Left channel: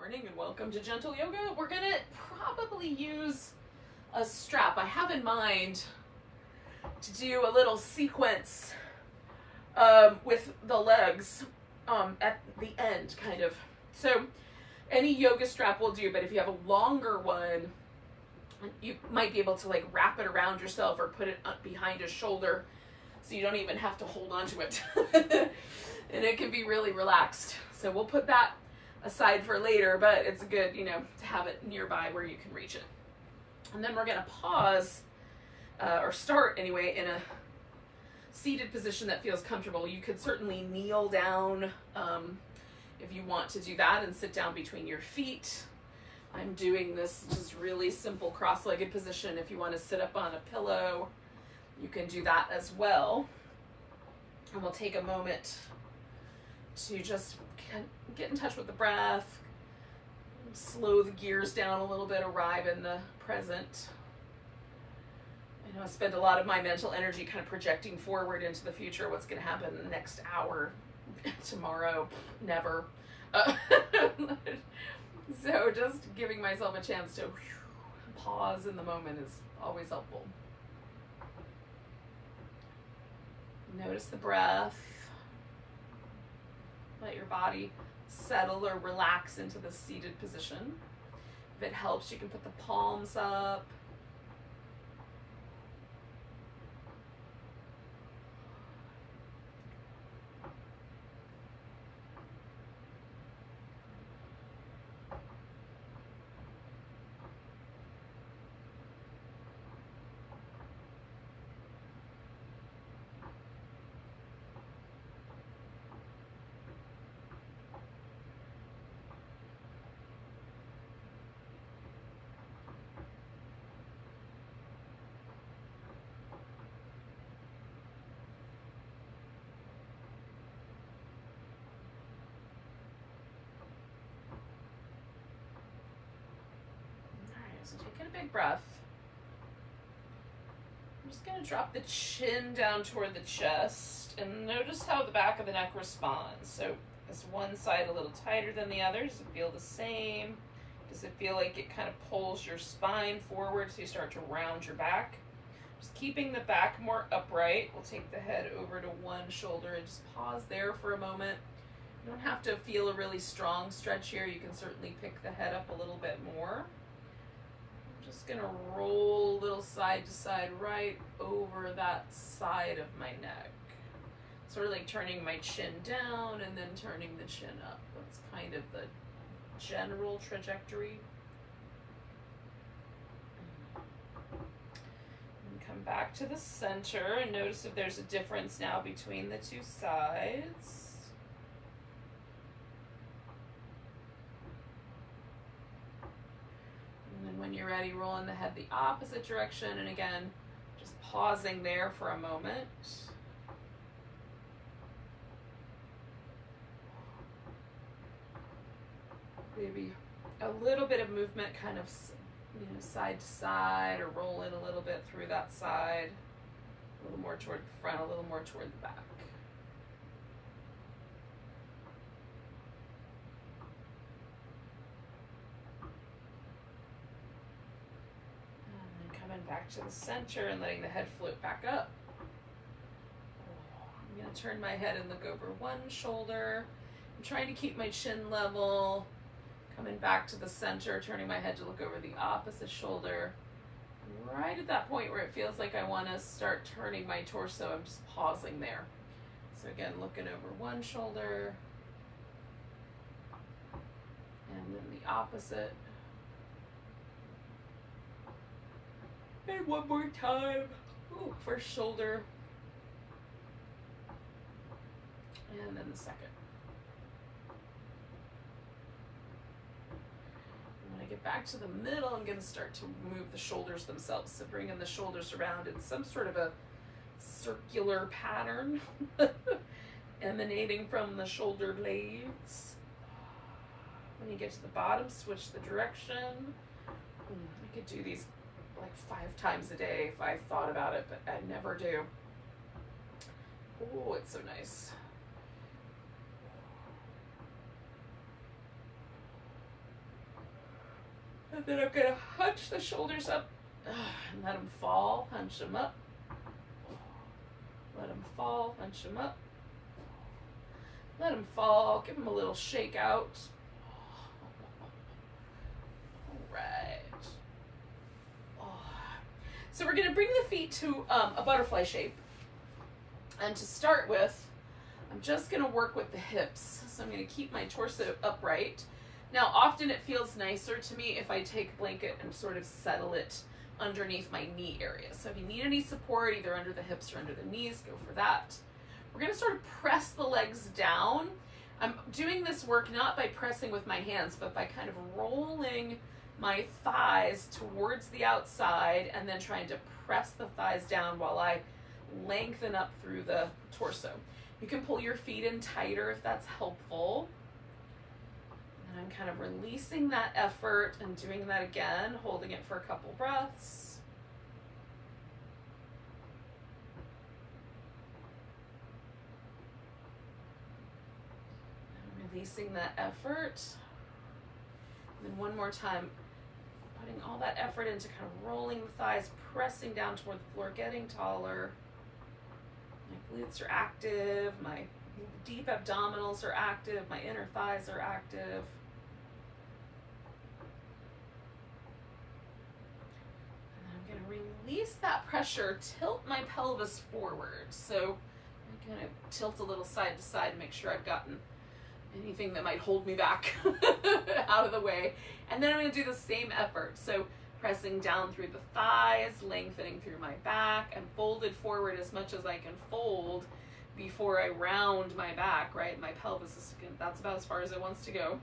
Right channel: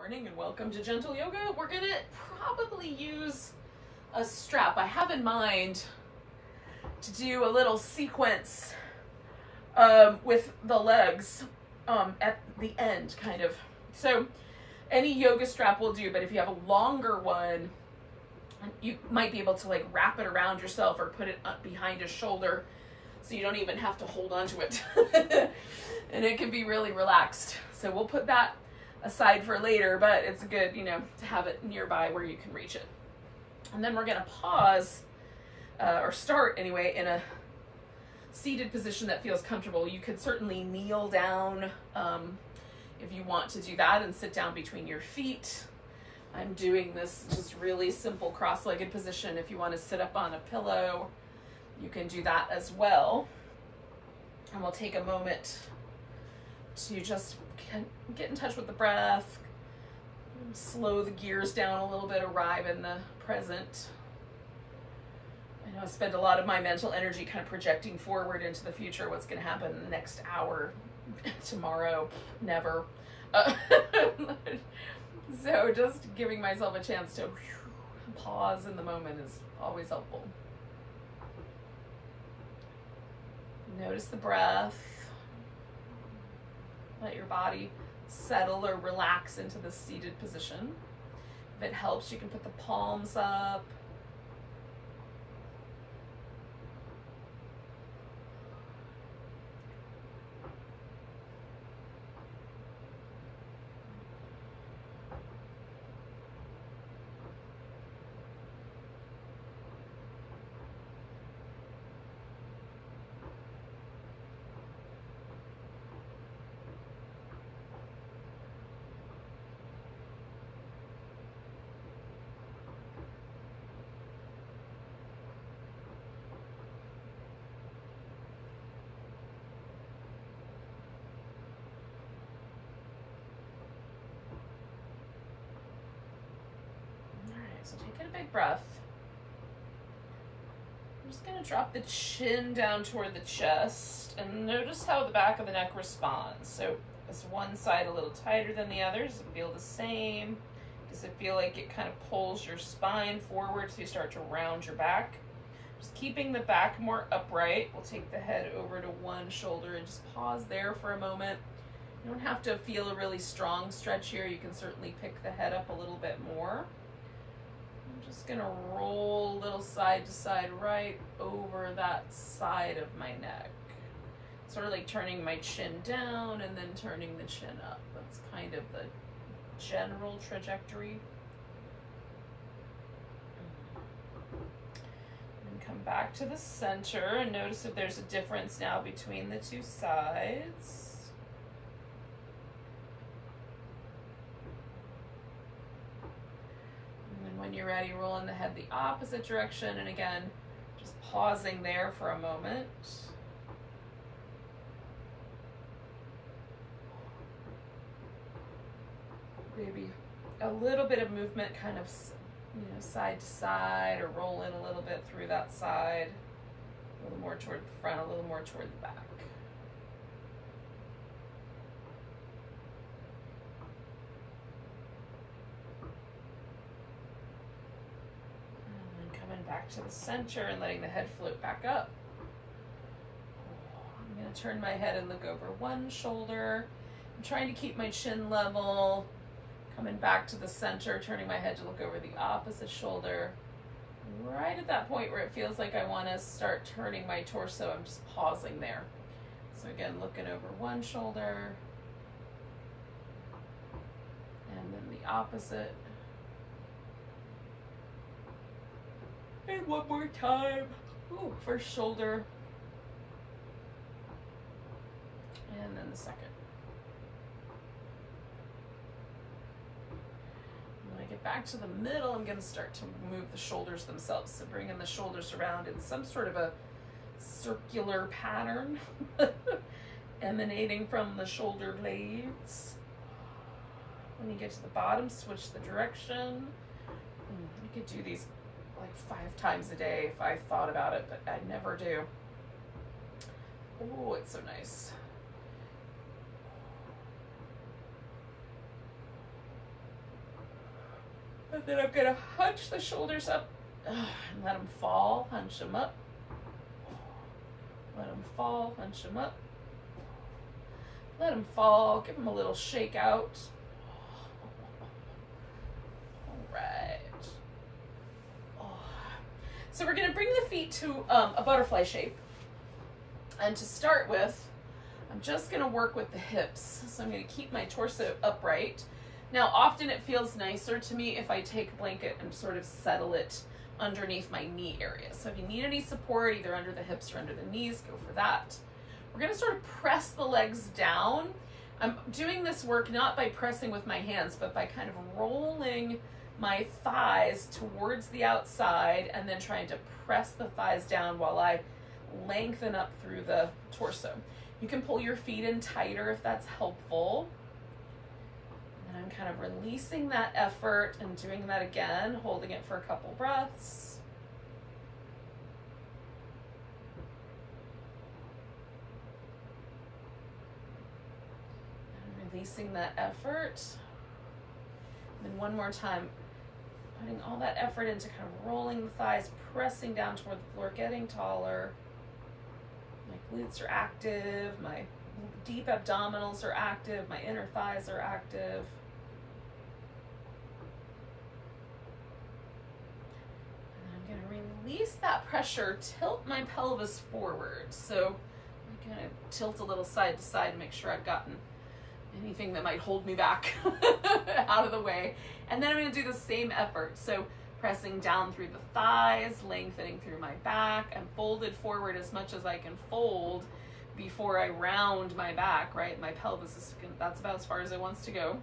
morning and welcome to Gentle Yoga. We're gonna probably use a strap. I have in mind to do a little sequence with the legs at the end, kind of. So any yoga strap will do, but if you have a longer one, you might be able to like wrap it around yourself or put it up behind a shoulder so you don't even have to hold on to it. And it can be really relaxed. So we'll put that aside for later, but it's good, you know, to have it nearby where you can reach it. And then we're gonna pause, or start anyway, in a seated position that feels comfortable. You could certainly kneel down if you want to do that and sit down between your feet. I'm doing this just really simple cross-legged position. If you want to sit up on a pillow, you can do that as well. And we'll take a moment to just get in touch with the breath, slow the gears down a little bit, arrive in the present. I know I spend a lot of my mental energy kind of projecting forward into the future, what's going to happen in the next hour, tomorrow, never. So just giving myself a chance to pause in the moment is always helpful. Notice the breath. Let your body settle or relax into the seated position. If it helps, you can put the palms up. So take in a big breath. I'm just going to drop the chin down toward the chest and notice how the back of the neck responds. So is one side a little tighter than the other? Does it feel the same? Does it feel like it kind of pulls your spine forward so you start to round your back? Just keeping the back more upright. We'll take the head over to one shoulder and just pause there for a moment. You don't have to feel a really strong stretch here. You can certainly pick the head up a little bit more. Just gonna roll a little side to side right over that side of my neck. Sort of like turning my chin down and then turning the chin up. That's kind of the general trajectory. And come back to the center and notice if there's a difference now between the two sides. When you're ready, rolling the head the opposite direction, and again, just pausing there for a moment. Maybe a little bit of movement, kind of, you know, side to side, or roll in a little bit through that side, a little more toward the front, a little more toward the back. Back to the center and letting the head float back up. I'm going to turn my head and look over one shoulder. I'm trying to keep my chin level. Coming back to the center, turning my head to look over the opposite shoulder. Right at that point where it feels like I want to start turning my torso, I'm just pausing there. So again, looking over one shoulder and then the opposite. And one more time. Ooh, first shoulder. And then the second. When I get back to the middle, I'm going to start to move the shoulders themselves. So bringing the shoulders around in some sort of a circular pattern emanating from the shoulder blades. When you get to the bottom, switch the direction. You could do these like 5 times a day if I thought about it, but I never do. Oh, it's so nice. And then I'm gonna hunch the shoulders up and let them fall, hunch them up. Let them fall, hunch them up. Let them fall, give them a little shake out. All right. So we're gonna bring the feet to a butterfly shape. And to start with, I'm just gonna work with the hips. So I'm gonna keep my torso upright. Now, often it feels nicer to me if I take a blanket and sort of settle it underneath my knee area. So if you need any support, either under the hips or under the knees, go for that. We're gonna sort of press the legs down. I'm doing this work not by pressing with my hands, but by kind of rolling my thighs towards the outside and then trying to press the thighs down while I lengthen up through the torso. You can pull your feet in tighter if that's helpful. And I'm kind of releasing that effort and doing that again, holding it for a couple breaths. And releasing that effort. And then one more time, putting all that effort into kind of rolling the thighs, pressing down toward the floor, getting taller. My glutes are active, my deep abdominals are active, my inner thighs are active. And I'm going to release that pressure, tilt my pelvis forward. So I'm going to tilt a little side to side, make sure I've gotten anything that might hold me back out of the way. And then I'm going to do the same effort. So pressing down through the thighs, lengthening through my back, and folded forward as much as I can fold before I round my back, right? My pelvis is, that's about as far as it wants to go.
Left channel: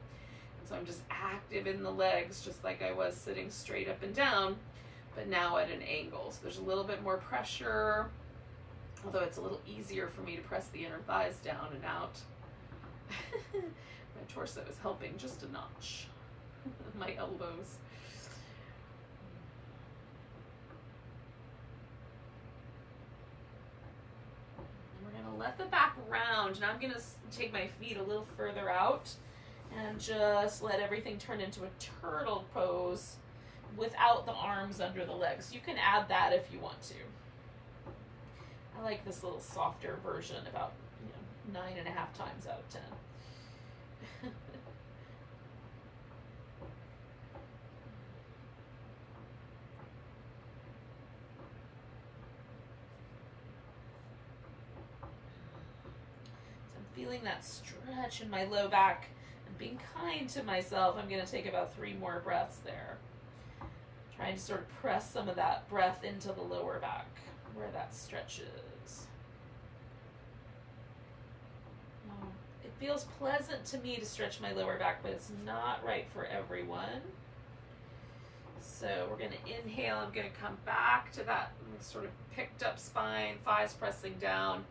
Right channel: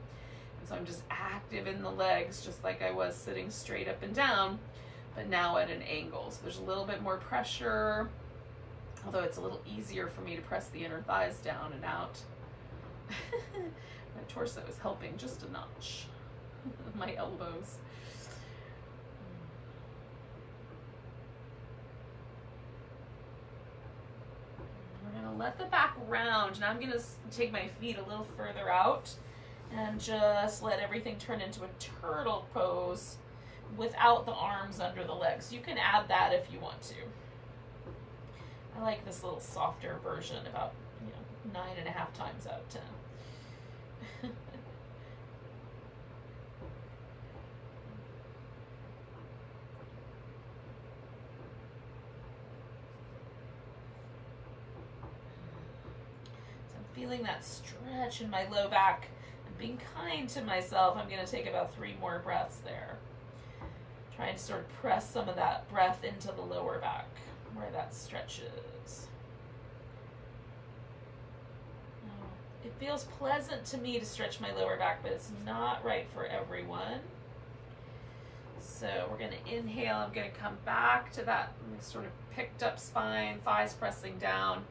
And so I'm just active in the legs, just like I was sitting straight up and down, but now at an angle. So there's a little bit more pressure, although it's a little easier for me to press the inner thighs down and out. My torso is helping just a notch. My elbows. We're gonna let the back round. Now I'm gonna take my feet a little further out and just let everything turn into a turtle pose without the arms under the legs. You can add that if you want to. I like this little softer version, about 9.5 times out of 10. Feeling that stretch in my low back and being kind to myself. I'm going to take about 3 more breaths there. Trying to sort of press some of that breath into the lower back where that stretches. It feels pleasant to me to stretch my lower back, but it's not right for everyone. So we're going to inhale. I'm going to come back to that sort of picked up spine, thighs pressing down.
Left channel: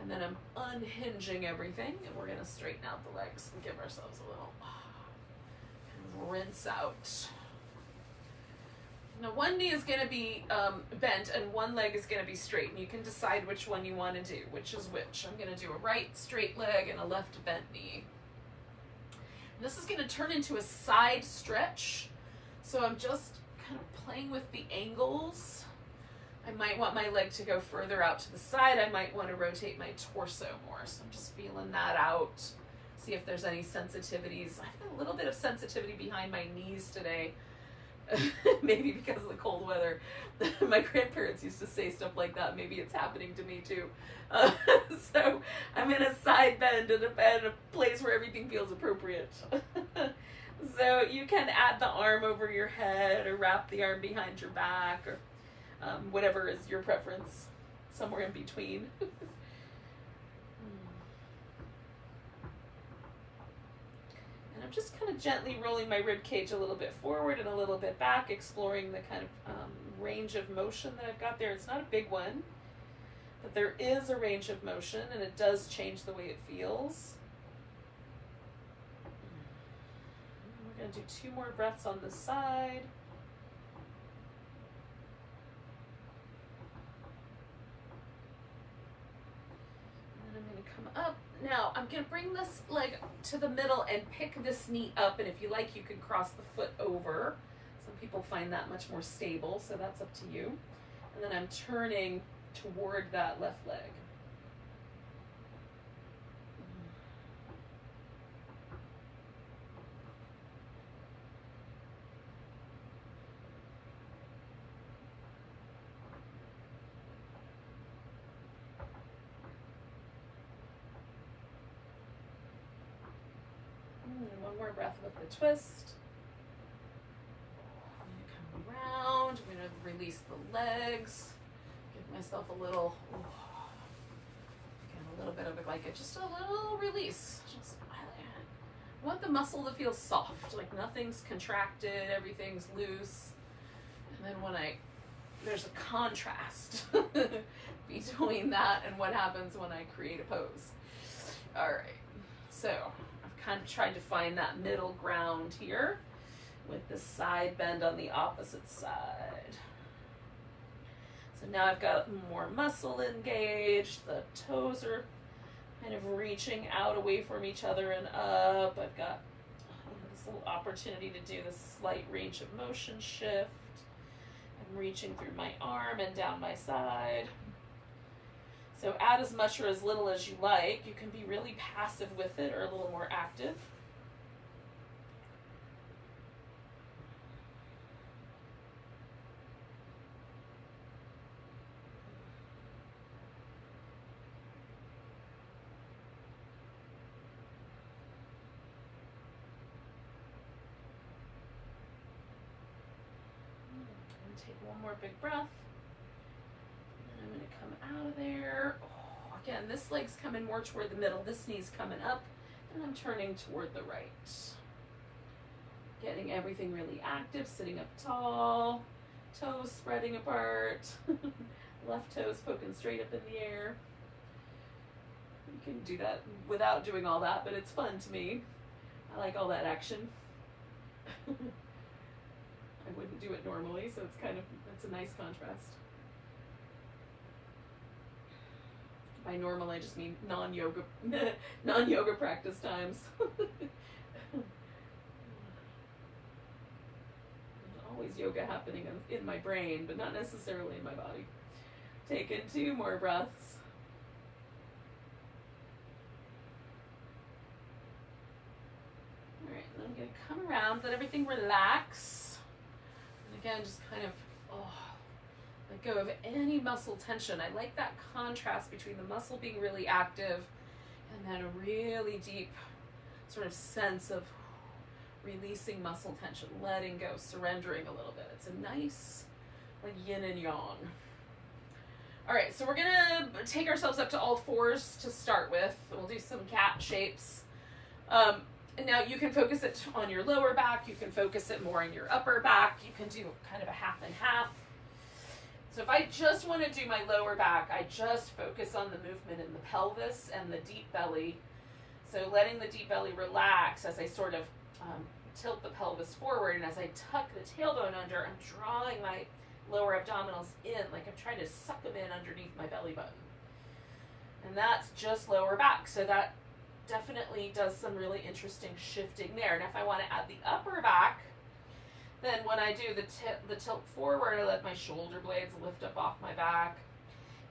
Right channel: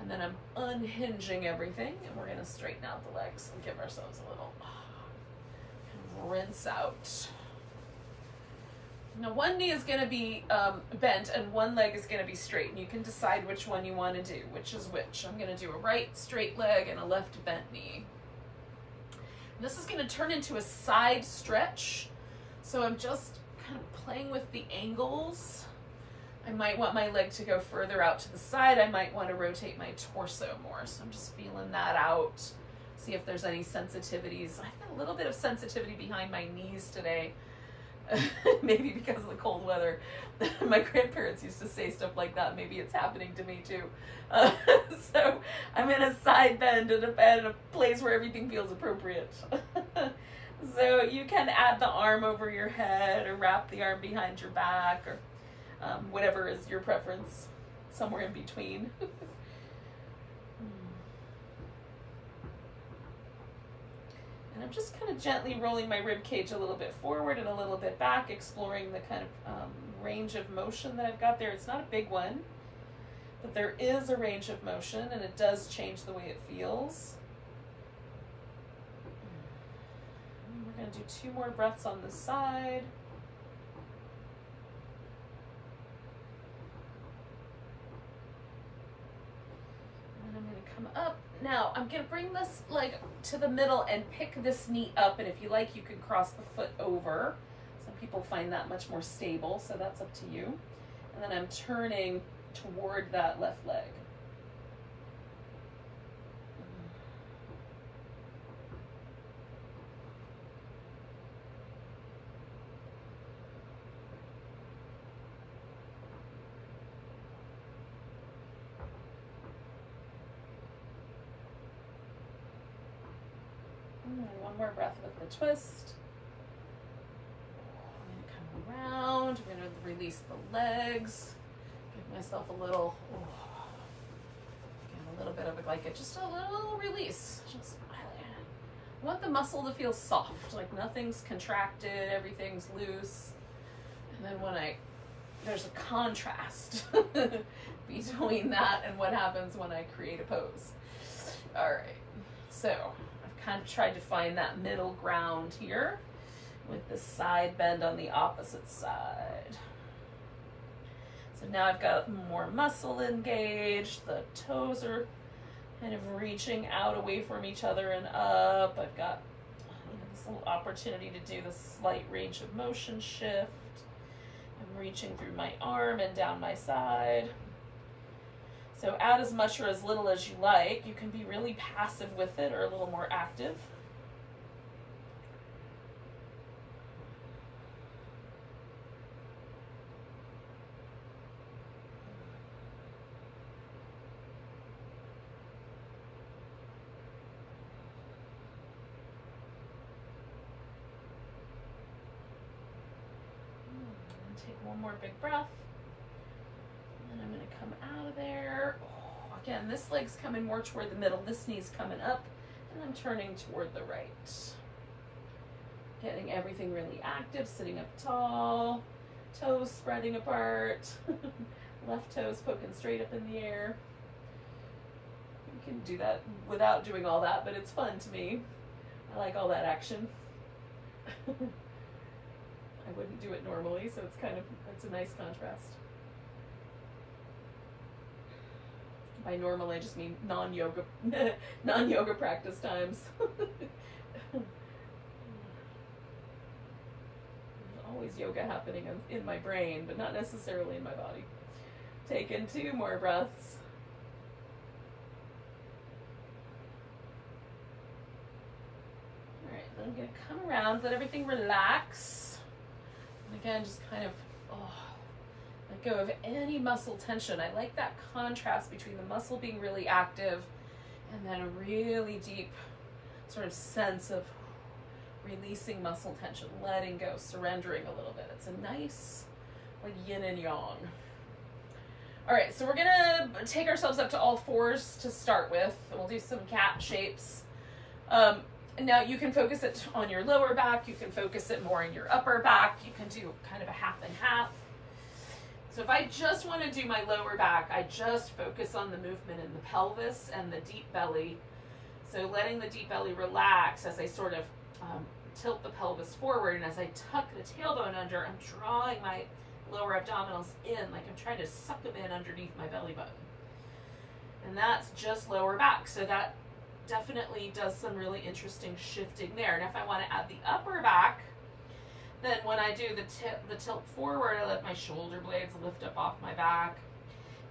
And then I'm unhinging everything, and we're gonna straighten out the legs and give ourselves a little kind of rinse out. Now one knee is gonna be bent and one leg is gonna be straight, and you can decide which one you wanna do, which is which. I'm gonna do a right straight leg and a left bent knee. And this is gonna turn into a side stretch. So I'm just kind of playing with the angles. I might want my leg to go further out to the side. I might want to rotate my torso more. So I'm just feeling that out. See if there's any sensitivities. I've got a little bit of sensitivity behind my knees today. Maybe because of the cold weather. My grandparents used to say stuff like that. Maybe it's happening to me too. So I'm in a side bend in a place where everything feels appropriate. So you can add the arm over your head or wrap the arm behind your back, or whatever is your preference, somewhere in between. And I'm just kind of gently rolling my rib cage a little bit forward and a little bit back, exploring the kind of range of motion that I've got there. It's not a big one, but there is a range of motion, and it does change the way it feels. We're going to do 2 more breaths on this side. Come up. Now I'm going to bring this leg to the middle and pick this knee up, and if you like you can cross the foot over. So Some people find that much more stable, so that's up to you. And then I'm turning toward that left leg. One more breath with the twist. I'm going to come around. I'm going to release the legs. Give myself a little, a little bit of just a little release. I want the muscle to feel soft, like nothing's contracted, everything's loose. And then there's a contrast between that and what happens when I create a pose. All right, so kind of tried to find that middle ground here with the side bend on the opposite side. So now I've got more muscle engaged. The toes are kind of reaching out away from each other and up. I've got this little opportunity to do this slight range of motion shift. I'm reaching through my arm and down my side. So add as much or as little as you like. You can be really passive with it or a little more active. Take one more big breath. I'm going to come out of there. Oh, again, this leg's coming more toward the middle. This knee's coming up, and I'm turning toward the right. Getting everything really active, sitting up tall, toes spreading apart, left toes poking straight up in the air. You can do that without doing all that, but it's fun to me. I like all that action. I wouldn't do it normally, so it's a nice contrast. By normal, I just mean non-yoga practice times. There's always yoga happening in my brain, but not necessarily in my body. Take in 2 more breaths. All right, then I'm going to come around, let everything relax. And again, just kind of let go of any muscle tension. I like that contrast between the muscle being really active and then a really deep sort of sense of releasing muscle tension, letting go, surrendering a little bit. It's a nice like yin and yang. All right, so we're gonna take ourselves up to all fours to start with. We'll do some cat shapes. Now you can focus it on your lower back, you can focus it more in your upper back, you can do kind of a half and half. So if I just want to do my lower back, I just focus on the movement in the pelvis and the deep belly. So letting the deep belly relax as I sort of tilt the pelvis forward, and as I tuck the tailbone under, I'm drawing my lower abdominals in, like I'm trying to suck them in underneath my belly button. And that's just lower back. So that definitely does some really interesting shifting there. And if I want to add the upper back, then when I do the tilt forward, I let my shoulder blades lift up off my back.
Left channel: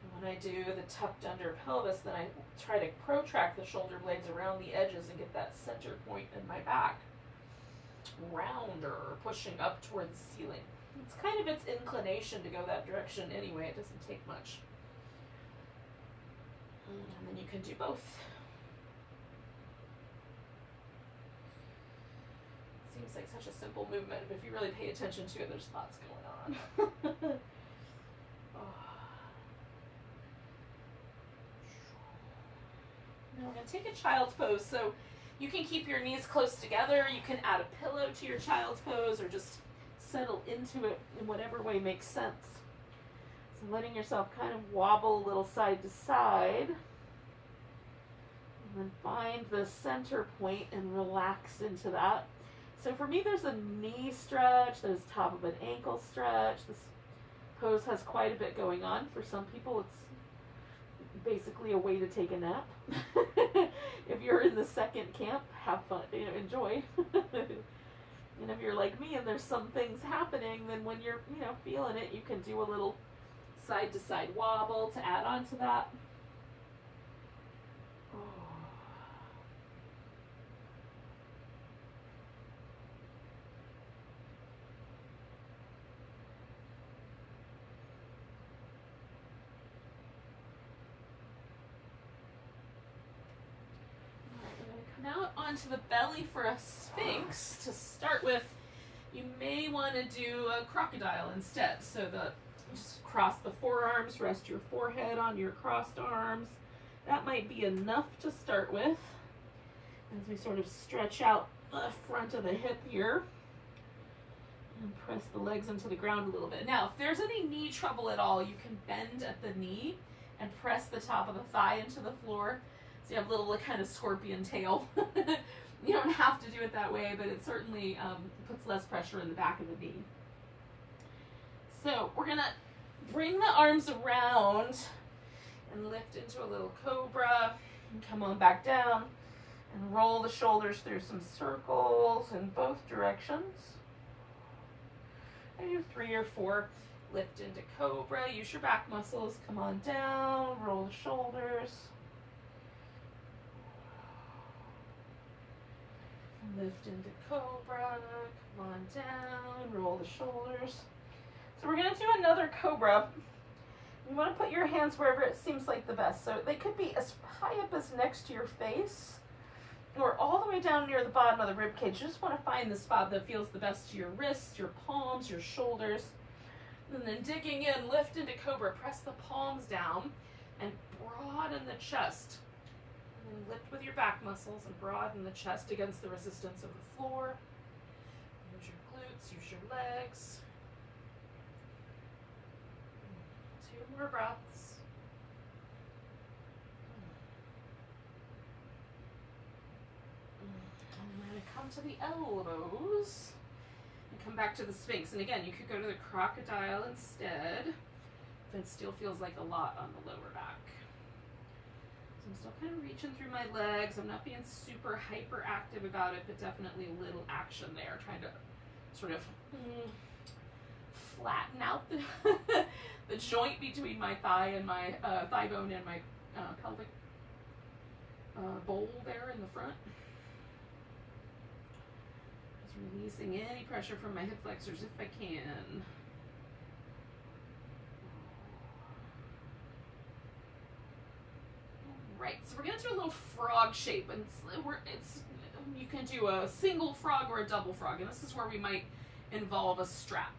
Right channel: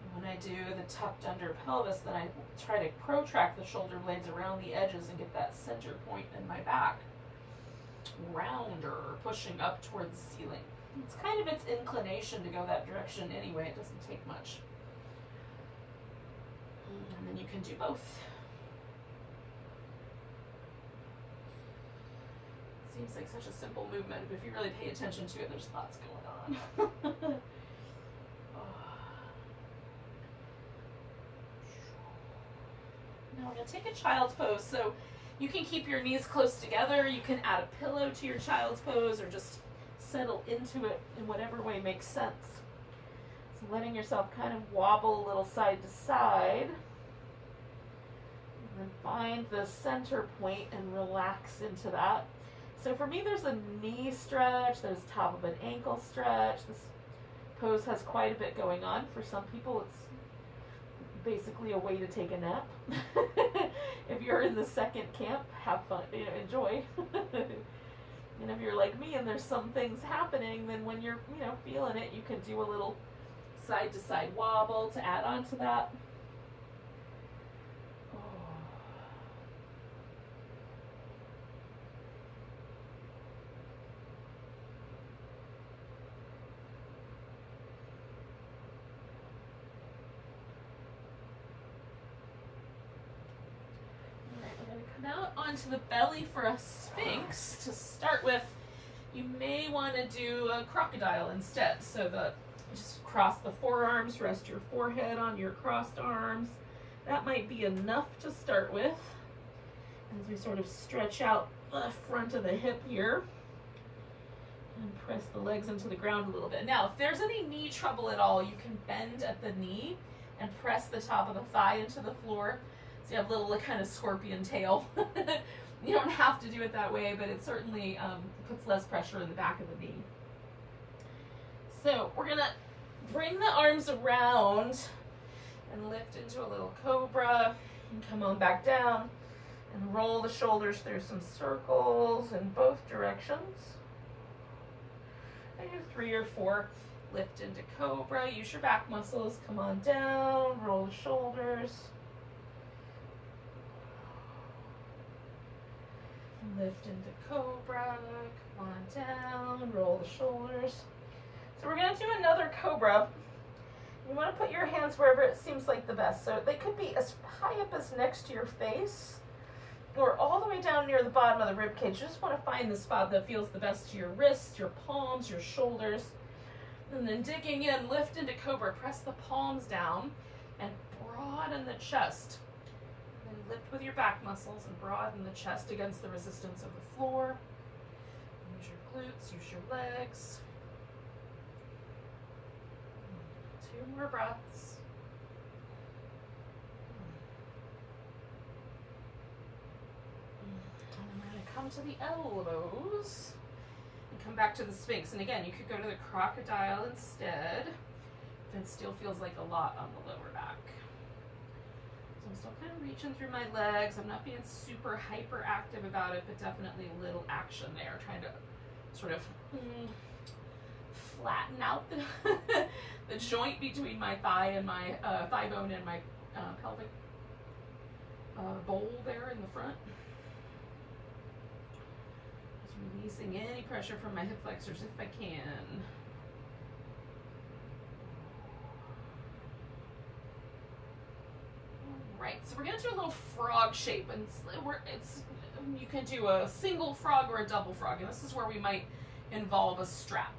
And when I do the tucked under pelvis, then I try to protract the shoulder blades around the edges and get that center point in my back rounder, pushing up toward the ceiling. It's kind of its inclination to go that direction anyway. It doesn't take much. And then you can do both. Seems like such a simple movement, but if you really pay attention to it, there's lots going on. Now we're going to take a child's pose. So you can keep your knees close together. You can add a pillow to your child's pose or just settle into it in whatever way makes sense. So letting yourself kind of wobble a little side to side. And then find the center point and relax into that. So for me, there's a knee stretch, there's top of an ankle stretch. This pose has quite a bit going on. For some people, it's basically a way to take a nap. If you're in the second camp, have fun, enjoy. And if you're like me and there's some things happening, then when you're, you know, feeling it, you can do a little side to side wobble to add on to that. Out onto the belly for a Sphinx. To start with, you may want to do a crocodile instead. So just cross the forearms, rest your forehead on your crossed arms. That might be enough to start with. As we sort of stretch out the front of the hip here and press the legs into the ground a little bit. Now, if there's any knee trouble at all, you can bend at the knee and press the top of the thigh into the floor. So you have a little kind of scorpion tail. You don't have to do it that way, but it certainly puts less pressure in the back of the knee. So we're gonna bring the arms around and lift into a little cobra and come on back down and roll the shoulders through some circles in both directions. I do 3 or 4. Lift into cobra, use your back muscles, come on down, roll the shoulders. Lift into cobra, come on down, roll the shoulders. So we're going to do another cobra. You want to put your hands wherever it seems like the best. So they could be as high up as next to your face or all the way down near the bottom of the rib cage. You just want to find the spot that feels the best to your wrists, your palms, your shoulders. And then digging in, lift into cobra, press the palms down and broaden the chest. And lift with your back muscles and broaden the chest against the resistance of the floor. Use your glutes, use your legs. 2 more breaths. And I'm going to come to the elbows and come back to the Sphinx. And again, you could go to the crocodile instead if it still feels like a lot on the lower back. I'm still kind of reaching through my legs. I'm not being super hyperactive about it, but definitely a little action there, trying to sort of flatten out the joint between my thigh and my thigh bone and my pelvic bowl there in the front. Just releasing any pressure from my hip flexors if I can. Right, so we're going to do a little frog shape, and you can do a single frog or a double frog, and this is where we might involve a strap.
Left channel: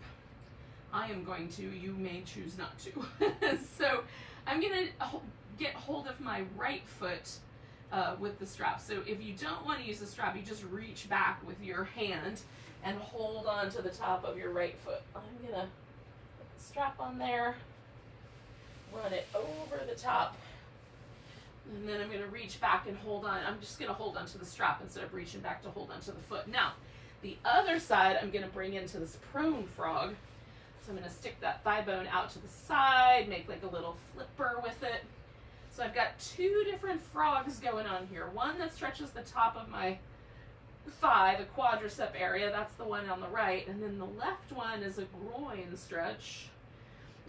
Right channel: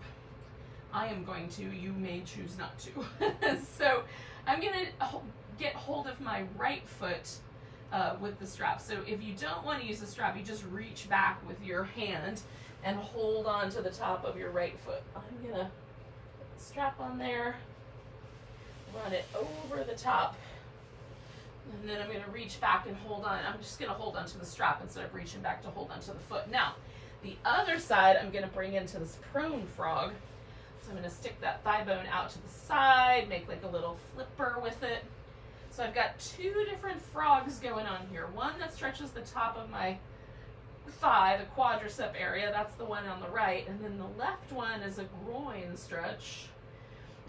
I am going to, you may choose not to. So I'm going to get hold of my right foot with the strap. So if you don't want to use the strap, you just reach back with your hand and hold on to the top of your right foot. I'm going to put the strap on there, run it over the top. And then I'm going to reach back and hold on. I'm just going to hold onto the strap instead of reaching back to hold onto the foot. Now, the other side I'm going to bring into this prone frog. So I'm going to stick that thigh bone out to the side, make like a little flipper with it. So I've got 2 different frogs going on here. One that stretches the top of my thigh, the quadricep area. That's the one on the right. And then the left one is a groin stretch.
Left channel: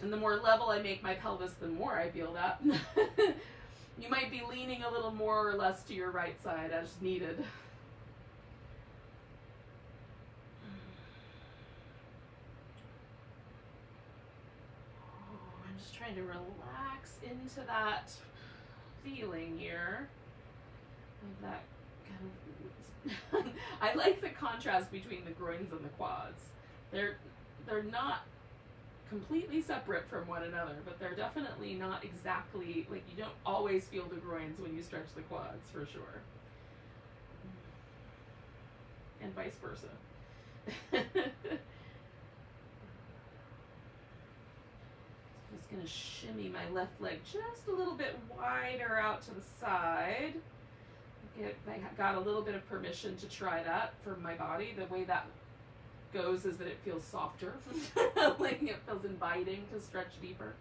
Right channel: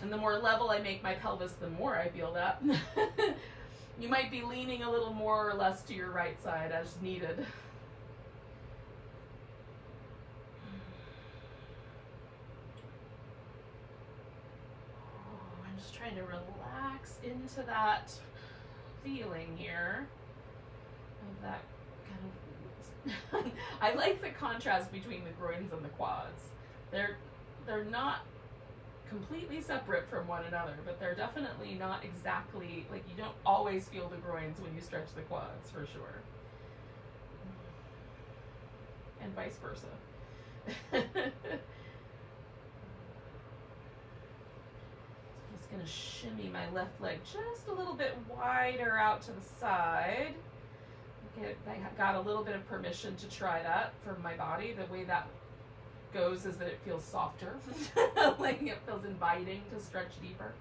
And the more level I make my pelvis, the more I feel that. You might be leaning a little more or less to your right side as needed. I'm just trying to relax into that feeling here. Of that kind of, I like the contrast between the groins and the quads. They're not completely separate from one another, but they're definitely not exactly, like you don't always feel the groins when you stretch the quads, for sure. And vice versa. Just gonna shimmy my left leg just a little bit wider out to the side. I got a little bit of permission to try that from my body. The way that goes is that it feels softer. Like it feels inviting to stretch deeper.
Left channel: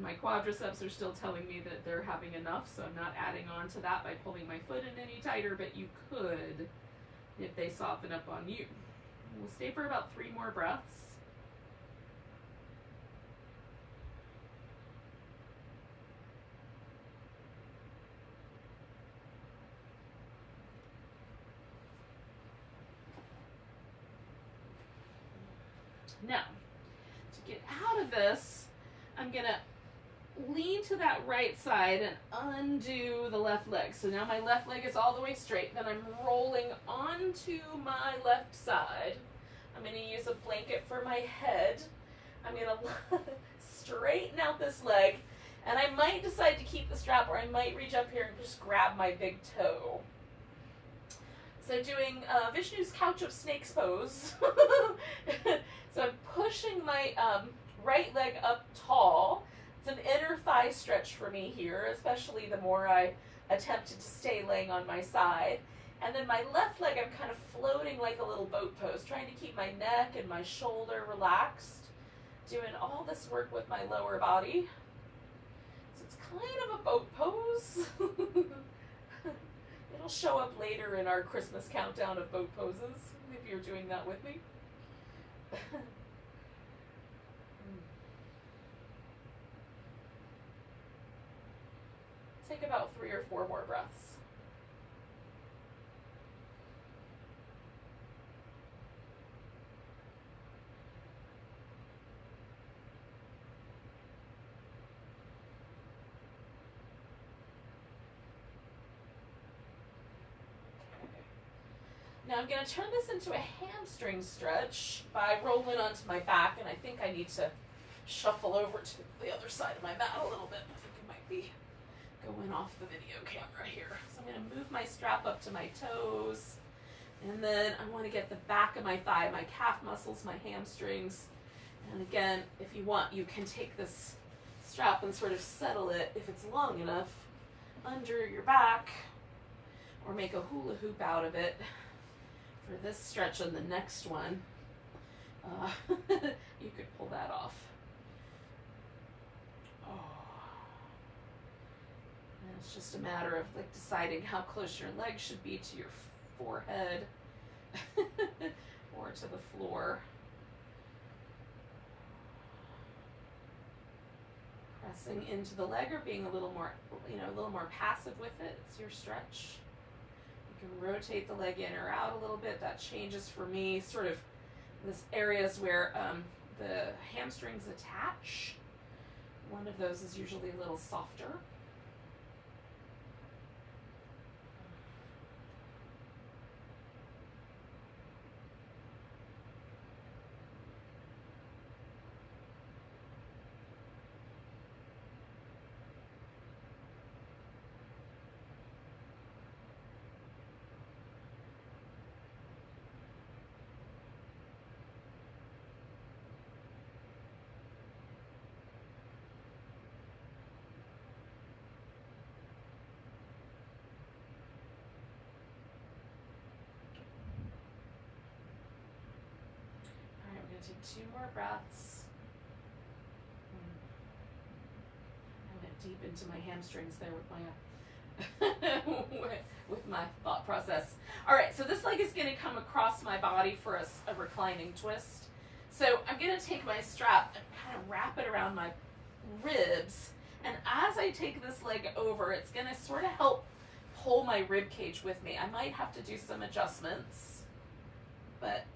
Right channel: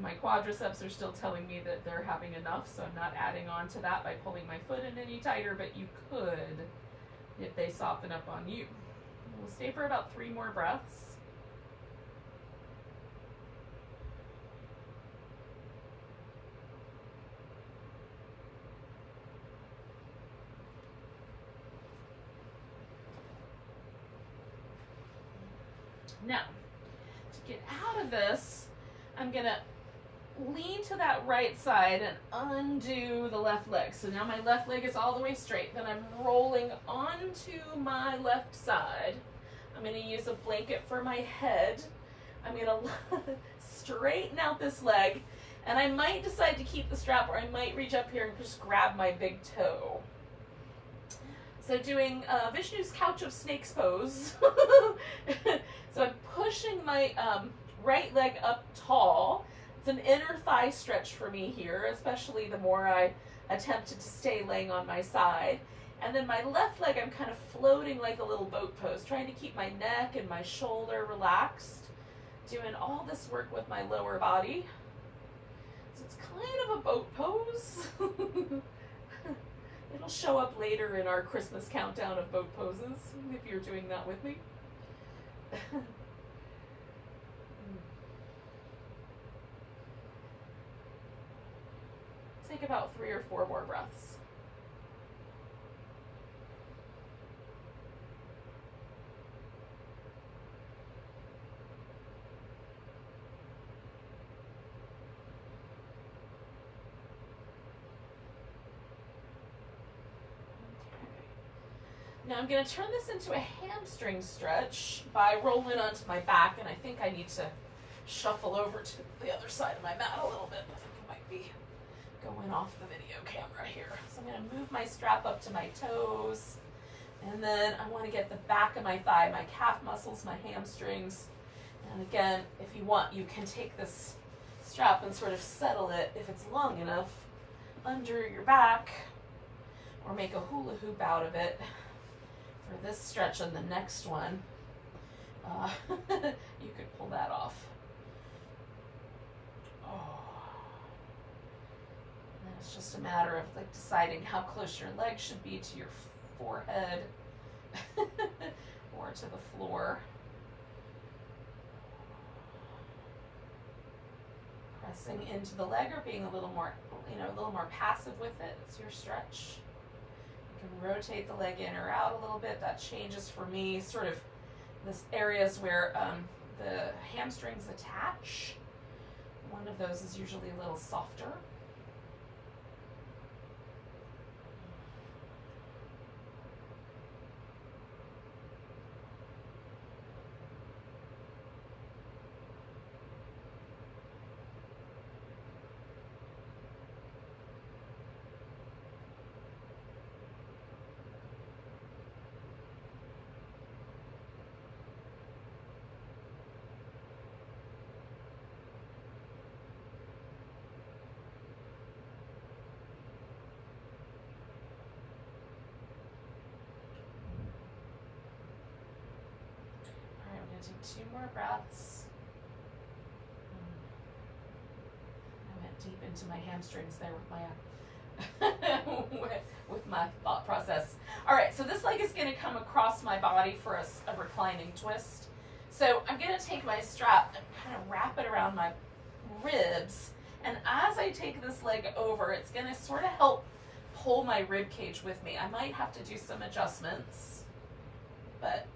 My quadriceps are still telling me that they're having enough, so I'm not adding on to that by pulling my foot in any tighter, but you could if they soften up on you. We'll stay for about 3 more breaths. Now, to get out of this, I'm gonna lean to that right side and undo the left leg. So now my left leg is all the way straight. Then I'm rolling onto my left side. I'm gonna use a blanket for my head. I'm gonna straighten out this leg, and I might decide to keep the strap, or I might reach up here and just grab my big toe. So doing Vishnu's couch of snakes pose. So I'm pushing my right leg up tall. It's an inner thigh stretch for me here, especially the more I attempted to stay laying on my side. And then my left leg, I'm kind of floating like a little boat pose, trying to keep my neck and my shoulder relaxed, doing all this work with my lower body. So it's kind of a boat pose. It'll show up later in our Christmas countdown of boat poses, if you're doing that with me. Take about 3 or 4 more breaths. Now I'm going to turn this into a hamstring stretch by rolling onto my back, and I think I need to shuffle over to the other side of my mat a little bit. I think it might be going off the video camera here. So I'm going to move my strap up to my toes, and then I want to get the back of my thigh, my calf muscles, my hamstrings. And again, if you want, you can take this strap and sort of settle it, if it's long enough, under your back, or make a hula hoop out of it. For this stretch and the next one, you could pull that off. Oh. And it's just a matter of like deciding how close your legs should be to your forehead or to the floor. Pressing into the leg or being a little more, a little more passive with it. It's your stretch. You can rotate the leg in or out a little bit. That changes for me sort of this areas where the hamstrings attach. One of those is usually a little softer. Take 2 more breaths. I went deep into my hamstrings there with my with my thought process. All right, so this leg is going to come across my body for a reclining twist. So I'm going to take my strap and kind of wrap it around my ribs. And as I take this leg over, it's going to sort of help pull my rib cage with me. I might have to do some adjustments, but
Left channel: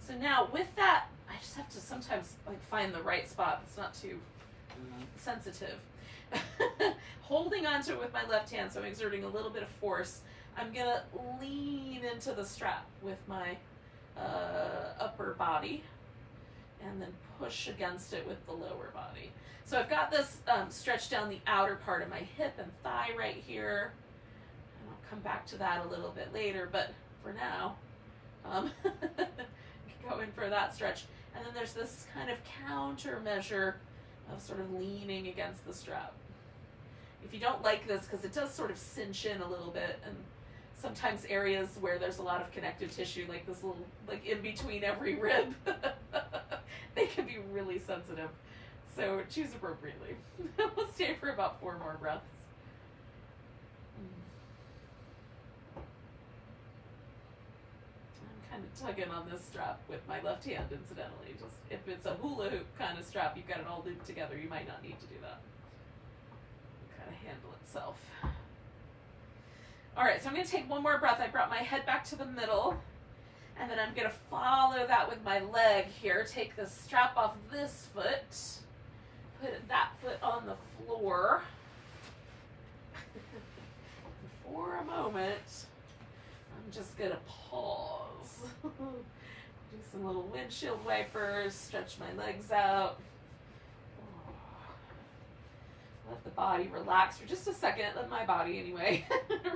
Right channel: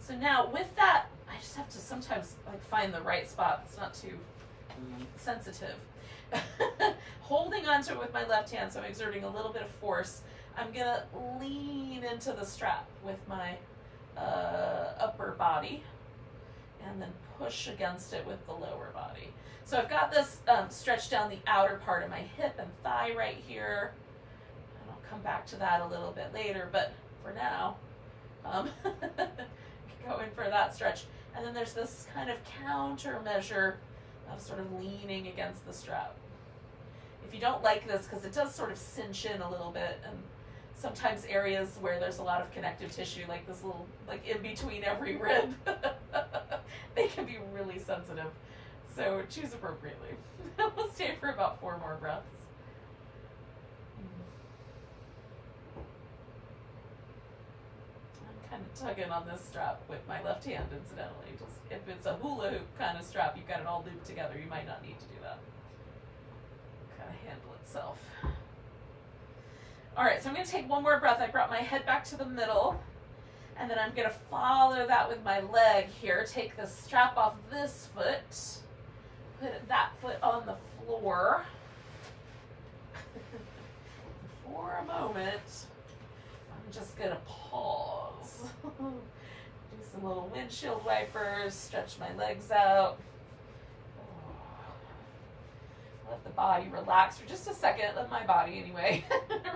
so now with that, I just have to sometimes like find the right spot that's not too sensitive. Holding onto it with my left hand, so I'm exerting a little bit of force. I'm gonna lean into the strap with my upper body and then push against it with the lower body. So I've got this stretched down the outer part of my hip and thigh right here. And I'll come back to that a little bit later, but for now, go in for that stretch. And then there's this kind of countermeasure of sort of leaning against the strap. If you don't like this, because it does sort of cinch in a little bit, and sometimes areas where there's a lot of connective tissue, like this little, like in between every rib, they can be really sensitive. So choose appropriately. We'll stay for about 4 more breaths. I'm kind kind of tugging on this strap with my left hand, incidentally. Just if it's a hula hoop kind of strap, you've got it all looped together, you might not need to do that. Kind of handle itself. All right, so I'm going to take one more breath. I brought my head back to the middle, and then I'm going to follow that with my leg here. Take the strap off this foot, put that foot on the floor. For a moment, I'm just going to pause. Do some little windshield wipers, stretch my legs out. Let the body relax for just a second. Let my body, anyway,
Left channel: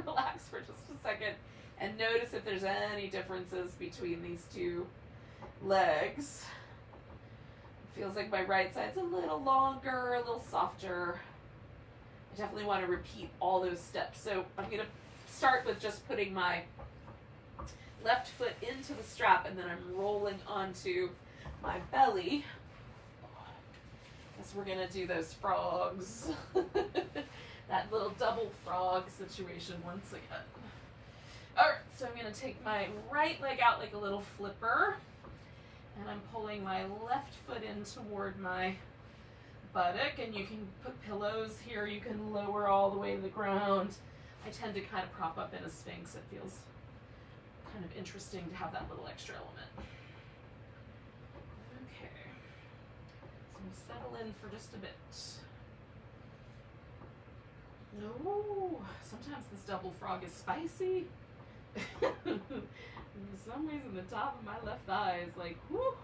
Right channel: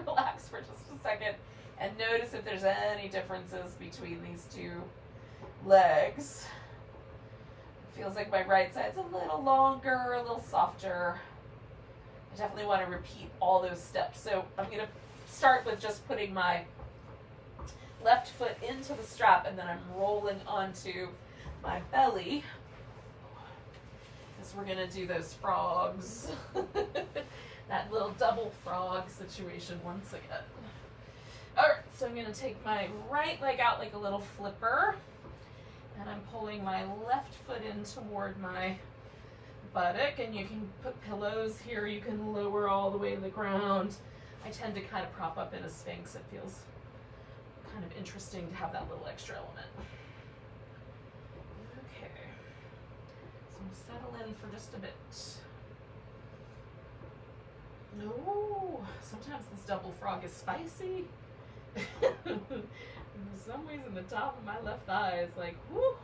relax for just a second. And notice if there's any differences between these two legs. It feels like my right side's a little longer, a little softer. I definitely want to repeat all those steps. So I'm going to start with just putting my left foot into the strap, and then I'm rolling onto my belly. We're going to do those frogs, that little double frog situation once again. All right, so I'm going to take my right leg out like a little flipper, and I'm pulling my left foot in toward my buttock, and you can put pillows here. You can lower all the way to the ground. I tend to kind of prop up in a Sphinx. It feels kind of interesting to have that little extra element. Settle in for just a bit. No, sometimes this double frog is spicy. In some ways, in the top of my left thigh is like, whoo,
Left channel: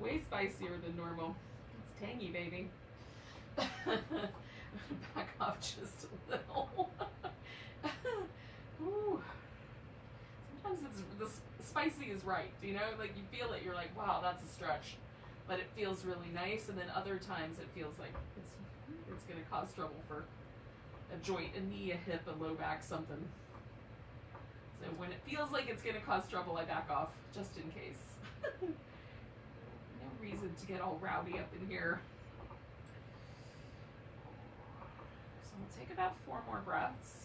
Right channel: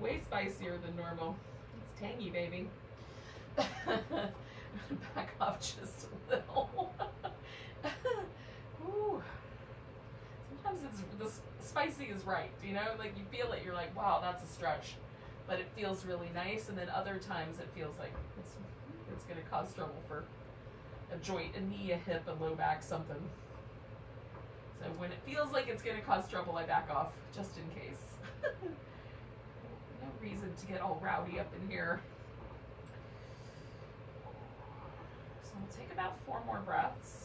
way spicier than normal. It's tangy, baby. Back off just a little. Ooh. Sometimes the spicy is right, you know, like you feel it, you're like, wow, that's a stretch. But it feels really nice, and then other times it feels like it's going to cause trouble for a joint, a knee, a hip, a low back, something. So when it feels like it's going to cause trouble, I back off, just in case. No reason to get all rowdy up in here. So we'll take about 4 more breaths.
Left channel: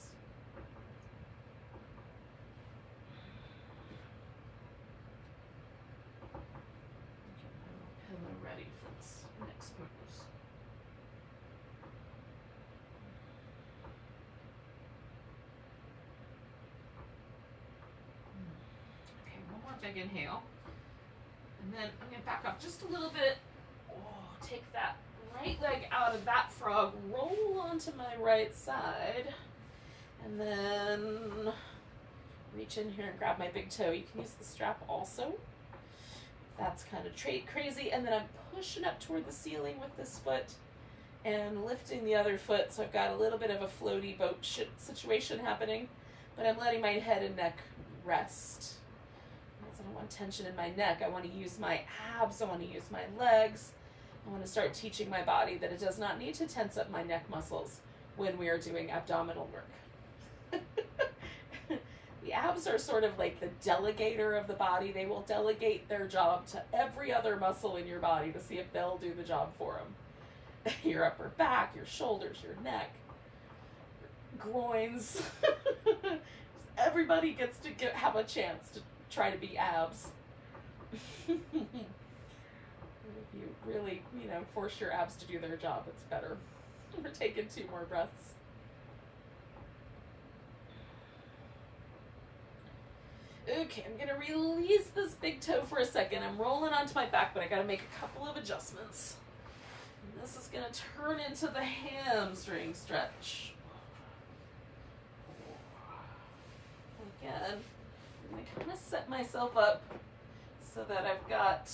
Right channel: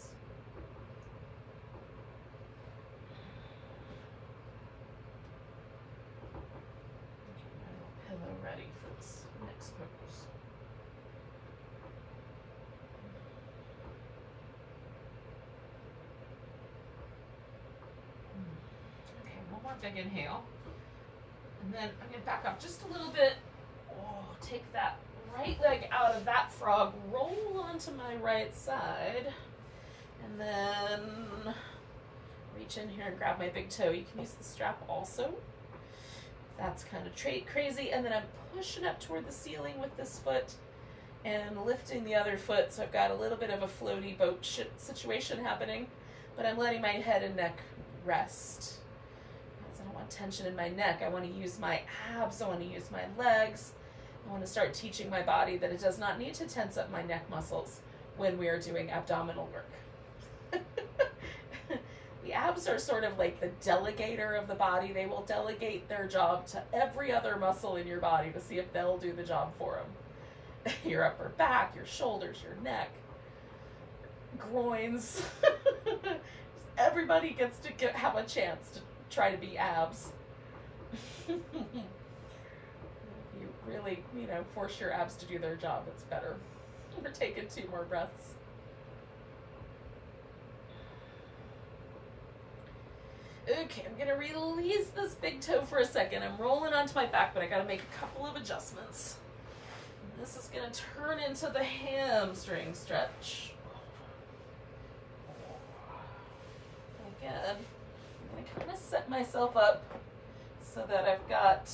Ready for this next pose. Okay, one more big inhale. And then I'm going to back up just a little bit. Oh, take that right leg out of that frog, roll onto my right side, and then reach in here and grab my big toe. You can use the strap also. That's kind of crazy, and then I'm pushing up toward the ceiling with this foot and lifting the other foot, so I've got a little bit of a floaty boat situation happening, but I'm letting my head and neck rest. I don't want tension in my neck. I want to use my abs. I want to use my legs. I want to start teaching my body that it does not need to tense up my neck muscles when we are doing abdominal work. The abs are sort of like the delegator of the body. They will delegate their job to every other muscle in your body to see if they'll do the job for them. Your upper back, your shoulders, your neck, groins. Everybody gets to have a chance to try to be abs. If you really, force your abs to do their job, it's better. We're taking 2 more breaths. Okay, I'm gonna release this big toe for a second. I'm rolling onto my back, but I gotta make a couple of adjustments. And this is gonna turn into the hamstring stretch. Again, I'm gonna kind of set myself up so that I've got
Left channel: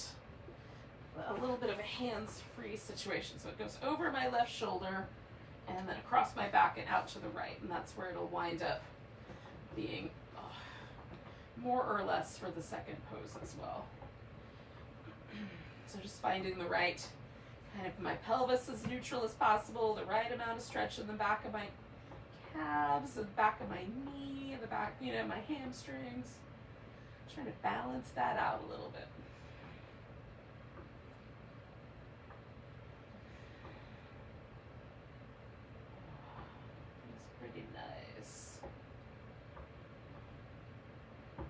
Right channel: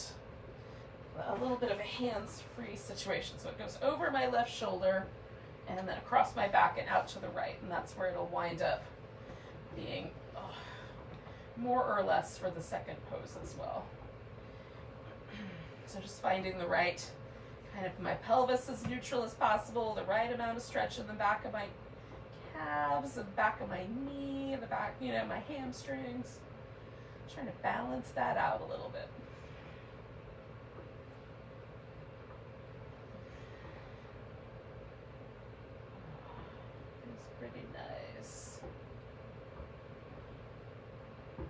a little bit of a hands-free situation. So it goes over my left shoulder and then across my back and out to the right, and that's where it'll wind up being more or less for the second pose as well. So just finding the right kind of my pelvis as neutral as possible, the right amount of stretch in the back of my calves, the back of my knee, the back, my hamstrings. Trying to balance that out a little bit. Feels pretty nice. 1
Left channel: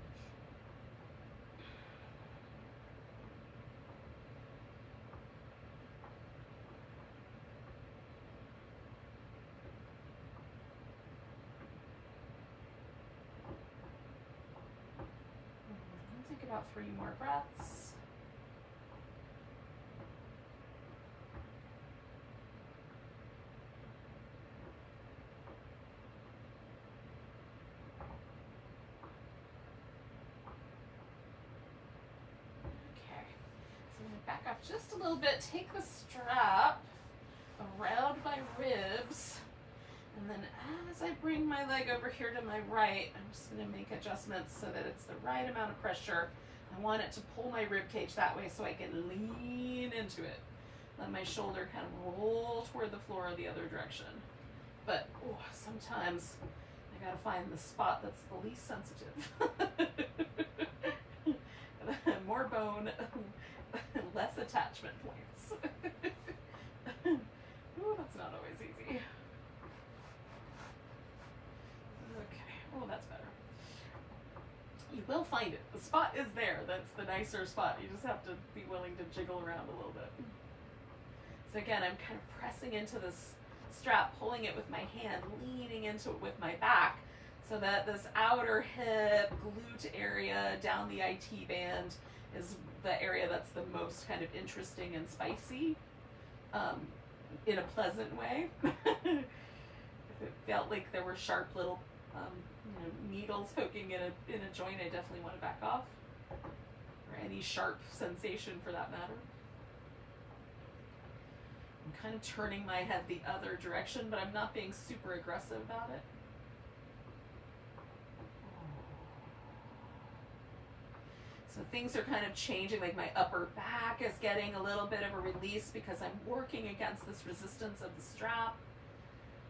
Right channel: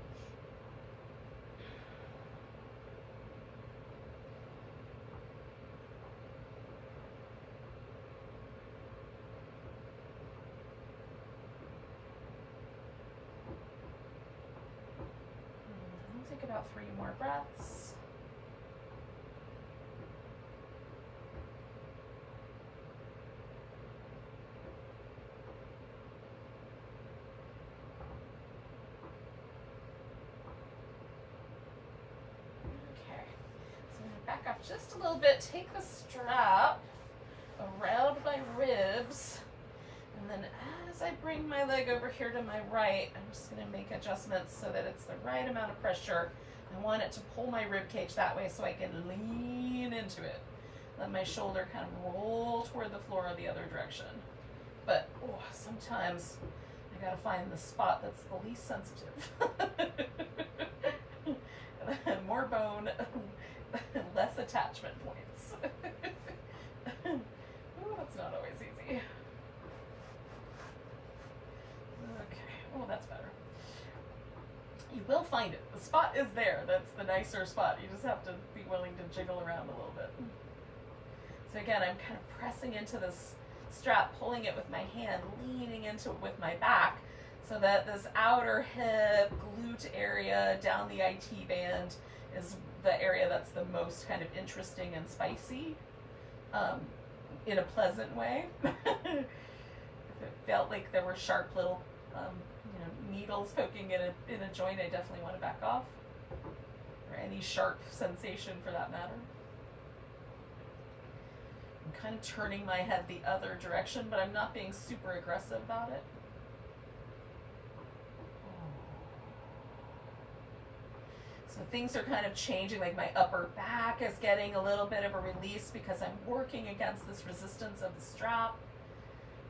about 3 more breaths. Back up just a little bit, take the strap around my ribs, and then as I bring my leg over here to my right, I'm just going to make adjustments so that it's the right amount of pressure. I want it to pull my rib cage that way so I can lean into it. Let my shoulder kind of roll toward the floor the other direction. But sometimes I got to find the spot that's the least sensitive. More bone, less attachment points. Ooh, that's not always easy. Okay, oh, that's better. You will find it. The spot is there. That's the nicer spot. You just have to be willing to jiggle around a little bit. So again, I'm kind of pressing into this strap, pulling it with my hand, leaning into it with my back, so that this outer hip, glute area down the IT band is the area that's the most kind of interesting and spicy, in a pleasant way. If it felt like there were sharp little needles poking in a joint, I definitely want to back off, or any sharp sensation for that matter. I'm kind of turning my head the other direction, but I'm not being super aggressive about it. So things are kind of changing, like my upper back is getting a little bit of a release because I'm working against this resistance of the strap.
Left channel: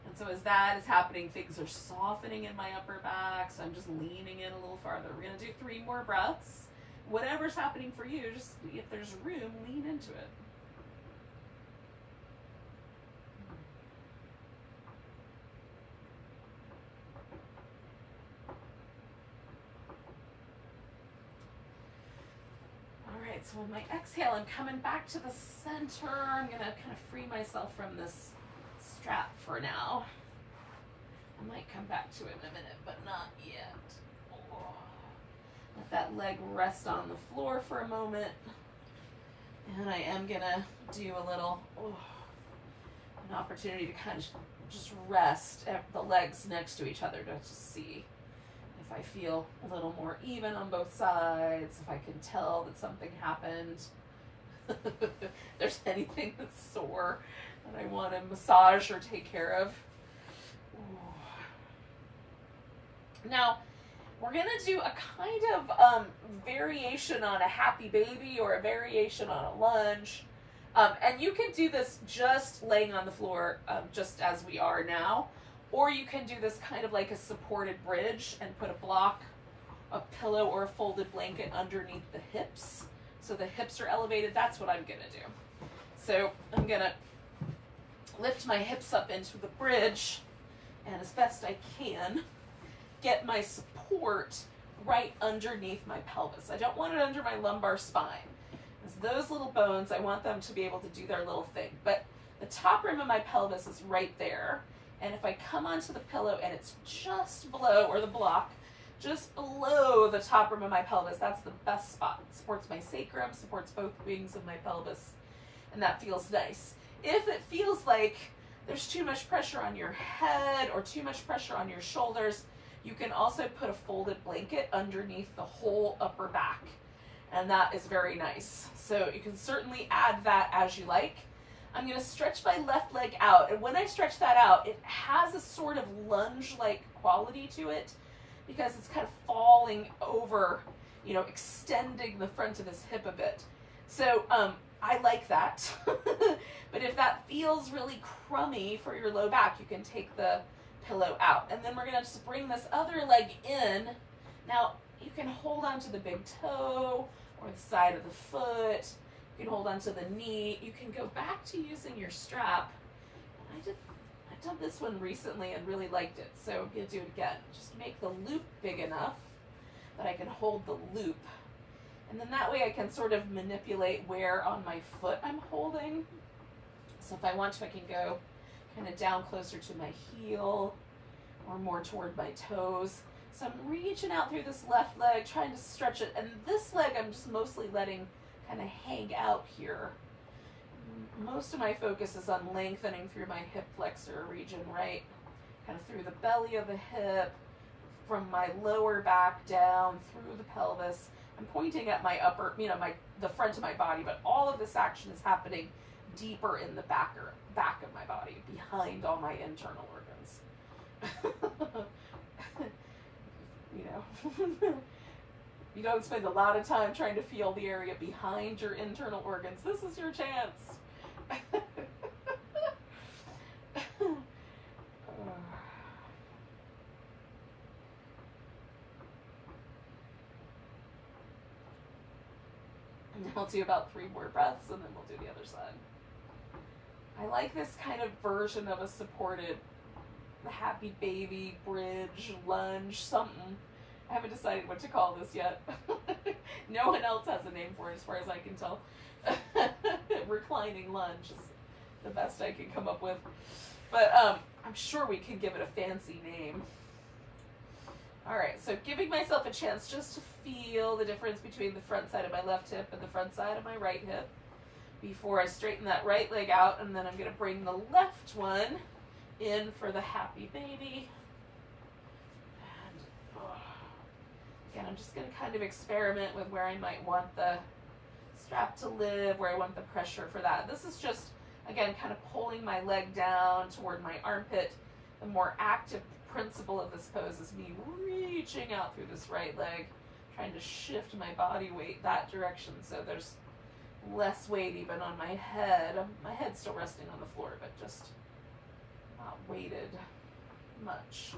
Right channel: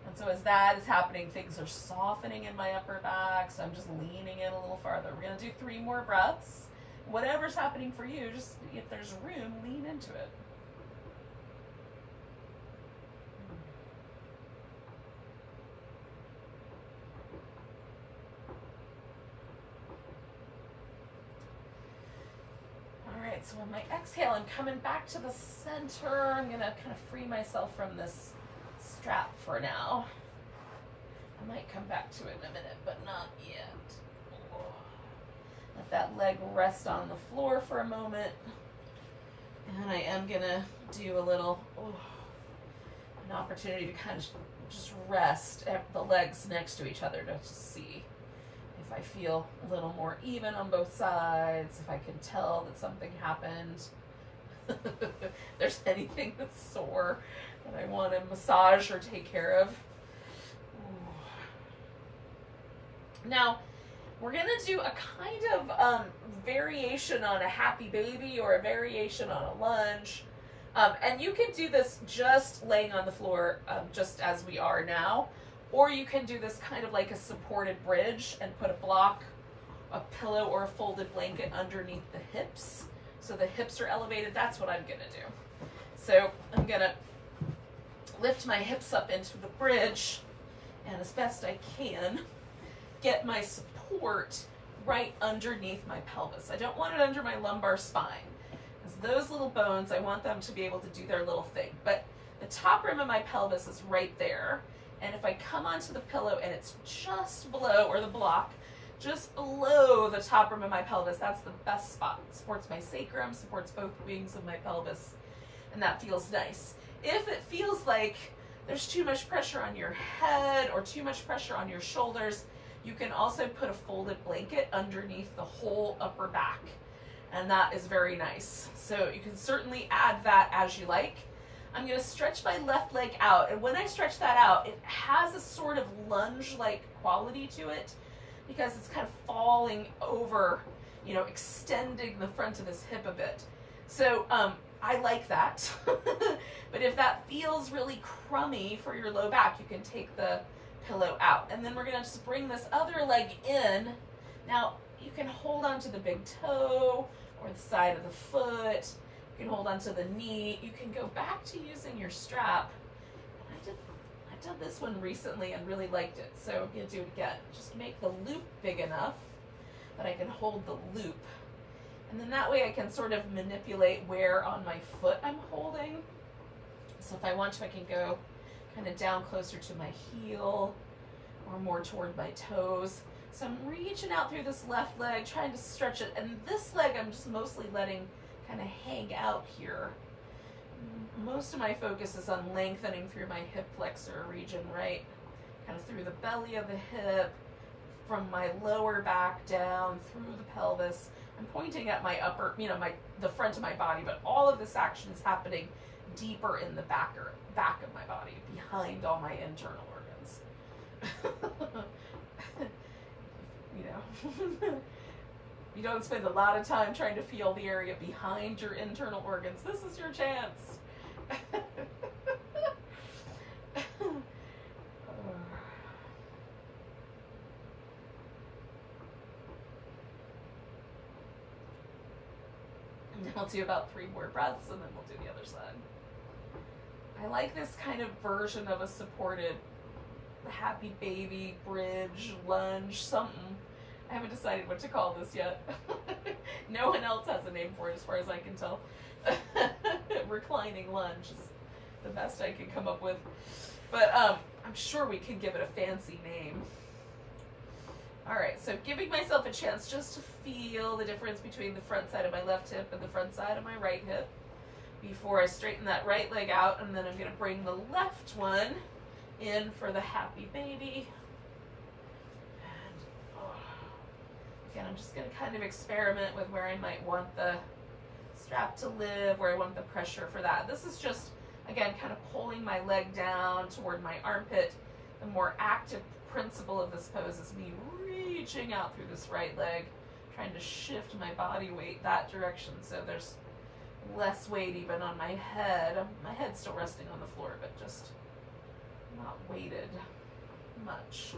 And so as that is happening, things are softening in my upper back, so I'm just leaning in a little farther. We're going to do 3 more breaths. Whatever's happening for you, just if there's room, lean into it. So on my exhale, I'm coming back to the center. I'm going to kind of free myself from this strap for now. I might come back to it in a minute, but not yet. Let that leg rest on the floor for a moment. And I am going to do a little, an opportunity to kind of just rest at the legs next to each other to just see if I feel a little more even on both sides, if I can tell that something happened, if there's anything that's sore that I want to massage or take care of. Ooh. Now, we're going to do a kind of variation on a happy baby or a variation on a lunge. And you can do this just laying on the floor, just as we are now. Or you can do this kind of like a supported bridge and put a block, a pillow, or a folded blanket underneath the hips. So the hips are elevated. That's what I'm going to do. So I'm going to lift my hips up into the bridge and as best I can get my support right underneath my pelvis. I don't want it under my lumbar spine. Because those little bones, I want them to be able to do their little thing. But the top rim of my pelvis is right there. And if I come onto the pillow and it's just below, or the block, just below the top rim of my pelvis, that's the best spot. It supports my sacrum, supports both wings of my pelvis, and that feels nice. If it feels like there's too much pressure on your head or too much pressure on your shoulders, you can also put a folded blanket underneath the whole upper back, and that is very nice. So you can certainly add that as you like. I'm going to stretch my left leg out, and when I stretch that out, it has a sort of lunge-like quality to it because it's kind of falling over, you know, extending the front of this hip a bit. So I like that. But if that feels really crummy for your low back, you can take the pillow out. And then we're going to just bring this other leg in. Now, you can hold onto the big toe or the side of the foot. You can hold onto the knee. You can go back to using your strap. I've done this one recently and really liked it, so I'm going to do it again. Just make the loop big enough that I can hold the loop. And then that way I can sort of manipulate where on my foot I'm holding. So if I want to, I can go kind of down closer to my heel or more toward my toes. So I'm reaching out through this left leg, trying to stretch it, and this leg I'm just mostly letting kind of hang out here. Most of my focus is on lengthening through my hip flexor region, right? Kind of through the belly of the hip, from my lower back down through the pelvis. I'm pointing at my upper, the front of my body, but all of this action is happening deeper in the back of my body, behind all my internal organs. You don't spend a lot of time trying to feel the area behind your internal organs. This is your chance. And then we'll do about 3 more breaths, and then we'll do the other side. I like this kind of version of a supported happy baby, bridge, lunge, something. I haven't decided what to call this yet. No one else has a name for it as far as I can tell. Reclining lunge is the best I can come up with. But I'm sure we can give it a fancy name. All right, so giving myself a chance just to feel the difference between the front side of my left hip and the front side of my right hip before I straighten that right leg out, and then I'm gonna bring the left one in for the happy baby. And again, I'm just gonna kind of experiment with where I might want the strap to live, where I want the pressure for that. This is just, again, kind of pulling my leg down toward my armpit. The more active principle of this pose is me reaching out through this right leg, trying to shift my body weight that direction so there's less weight even on my head. My head's still resting on the floor, but just not weighted much.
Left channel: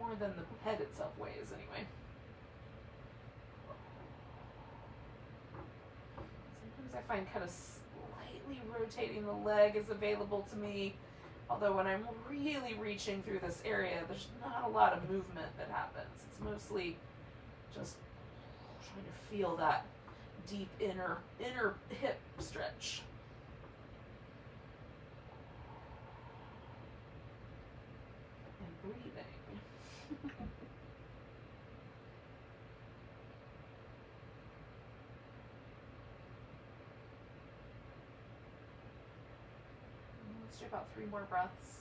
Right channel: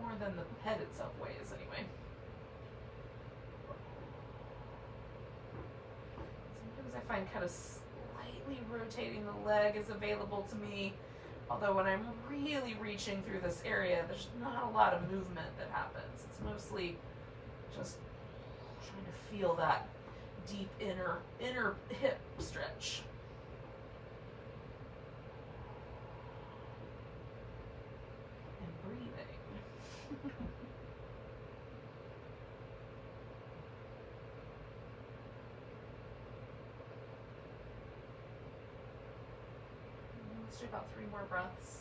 More than the head itself weighs anyway. Sometimes I find kind of slightly rotating the leg is available to me. Although when I'm really reaching through this area, there's not a lot of movement that happens. It's mostly just trying to feel that deep inner hip stretch. And breathing. Let's do about 3 more breaths.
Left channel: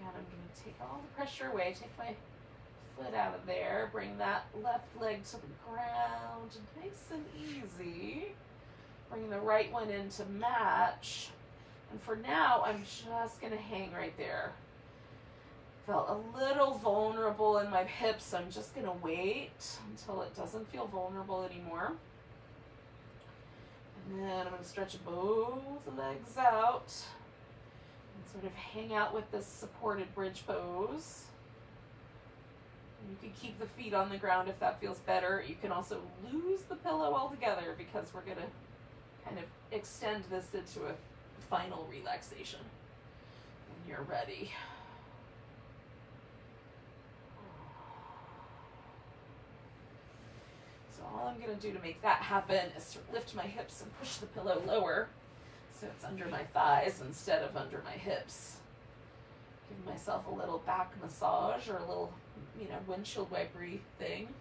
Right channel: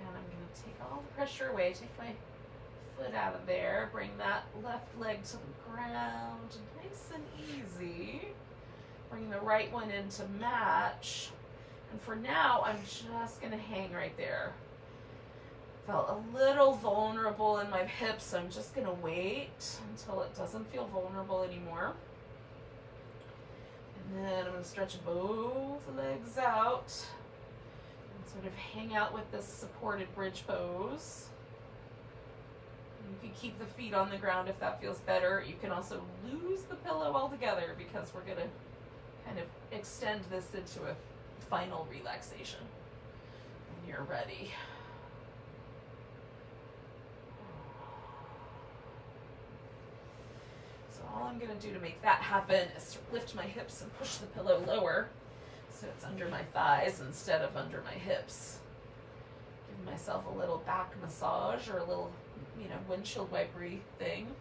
I'm going to take all the pressure away, take my foot out of there, bring that left leg to the ground, nice and easy. Bring the right one in to match. And for now, I'm just going to hang right there. Felt a little vulnerable in my hips, so I'm just going to wait until it doesn't feel vulnerable anymore. And then I'm going to stretch both legs out. Sort of hang out with this supported bridge pose. You can keep the feet on the ground if that feels better. You can also lose the pillow altogether because we're going to kind of extend this into a final relaxation when you're ready. So all I'm going to do to make that happen is to lift my hips and push the pillow lower, so it's under my thighs instead of under my hips. Give myself a little back massage or a little, windshield wipery thing.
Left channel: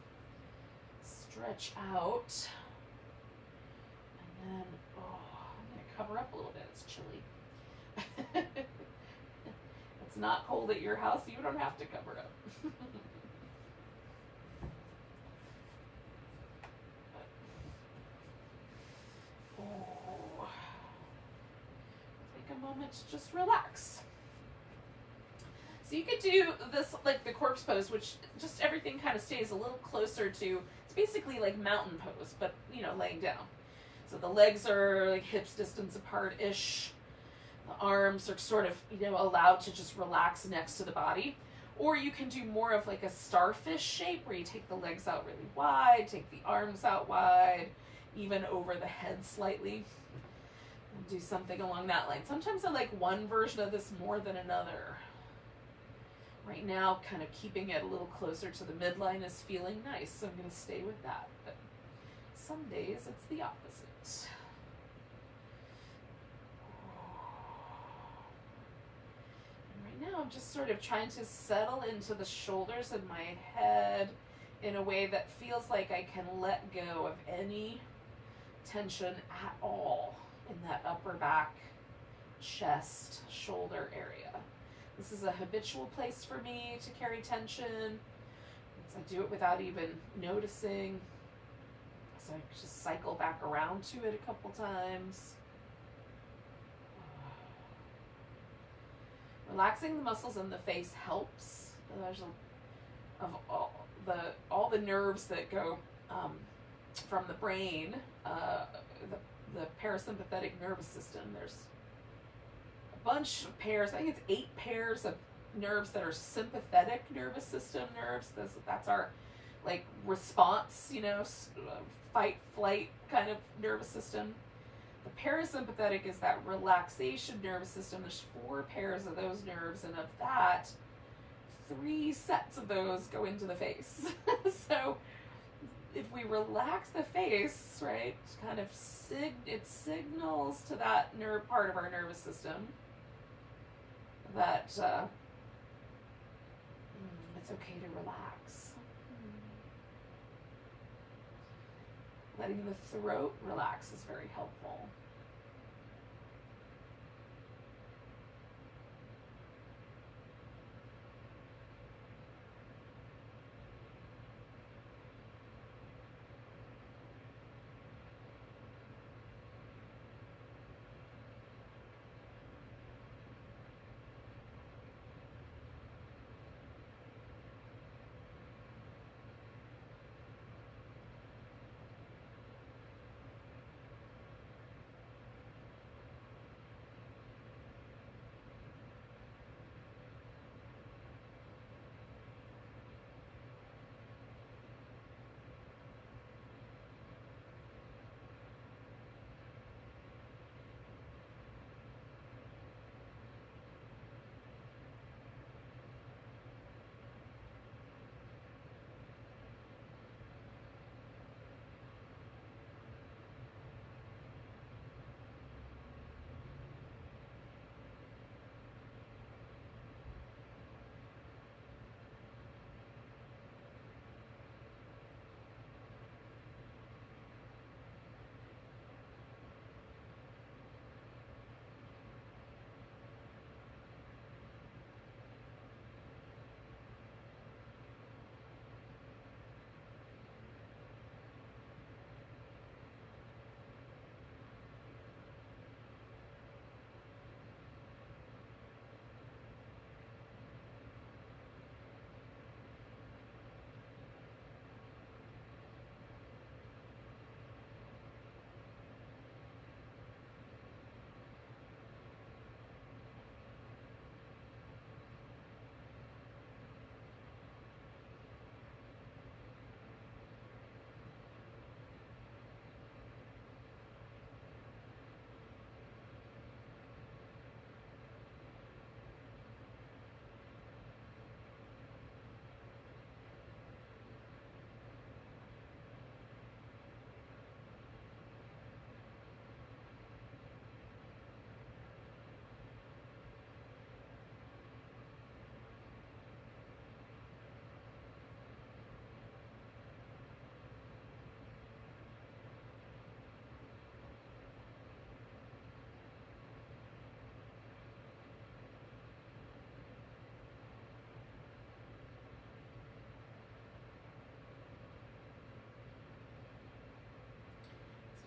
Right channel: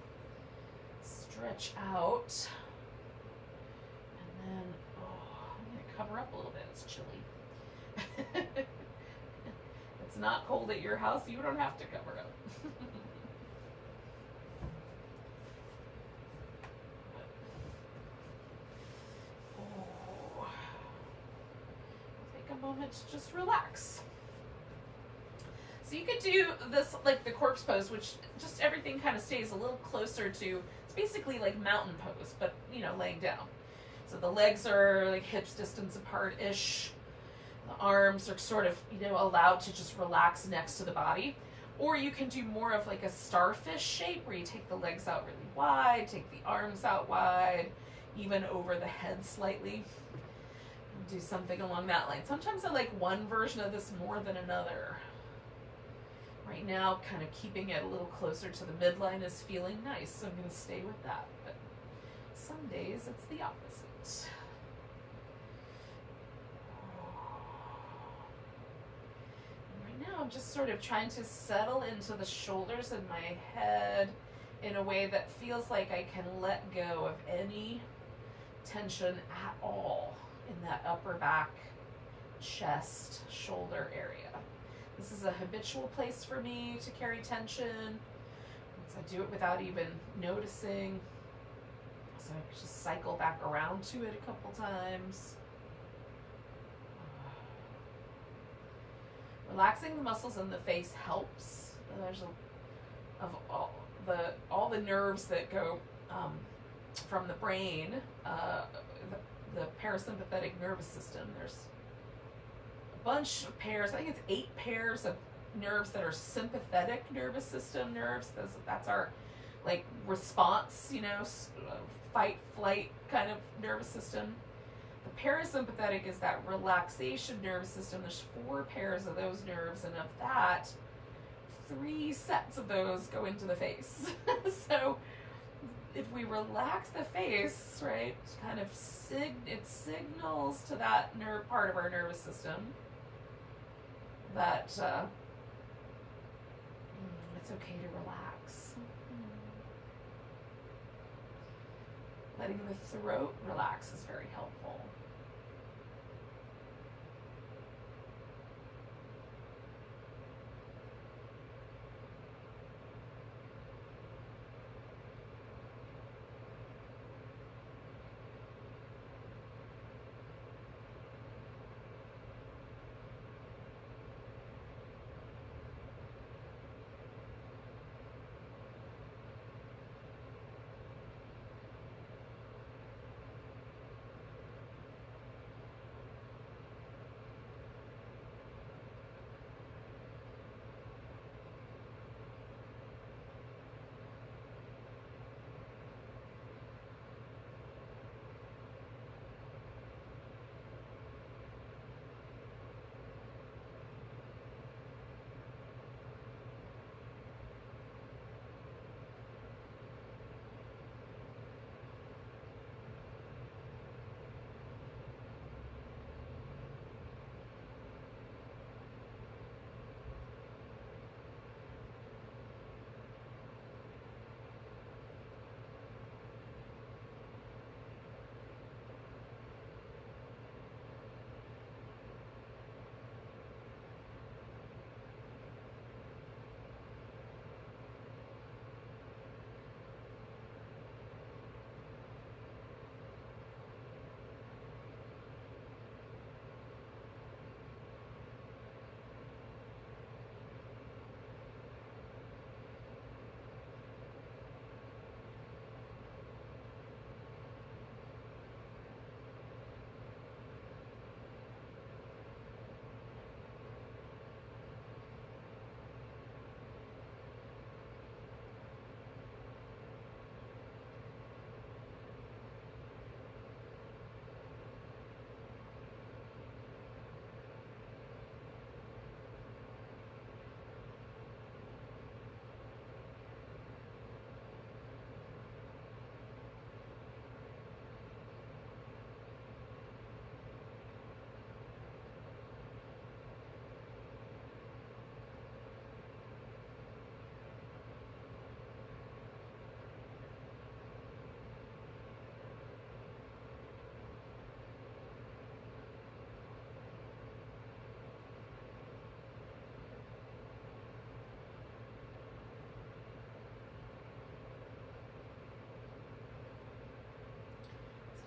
Stretch out. And then, I'm going to cover up a little bit. It's chilly. It's not cold at your house. You don't have to cover up. Moment to just relax. So you could do this like the corpse pose, which just everything kind of stays a little closer to, it's basically like mountain pose, but laying down. So the legs are like hips distance apart-ish. The arms are sort of, allowed to just relax next to the body. Or you can do more of like a starfish shape where you take the legs out really wide, take the arms out wide, even over the head slightly. Do something along that line. Sometimes I like one version of this more than another. Right now, kind of keeping it a little closer to the midline is feeling nice, so I'm going to stay with that. But some days it's the opposite. And right now I'm just sort of trying to settle into the shoulders and my head in a way that feels like I can let go of any tension at all in that upper back, chest, shoulder area. This is a habitual place for me to carry tension. So I do it without even noticing. So I just cycle back around to it a couple times. Relaxing the muscles in the face helps. There's all the nerves that go from the brain, the parasympathetic nervous system. There's a bunch of pairs. I think it's 8 pairs of nerves that are sympathetic nervous system nerves. That's our like response, you know, fight, flight kind of nervous system. The parasympathetic is that relaxation nervous system. There's 4 pairs of those nerves, and of that, 3 sets of those go into the face. So if we relax the face, right, kind of it signals to that nerve part of our nervous system that it's okay to relax. Letting the throat relax is very helpful.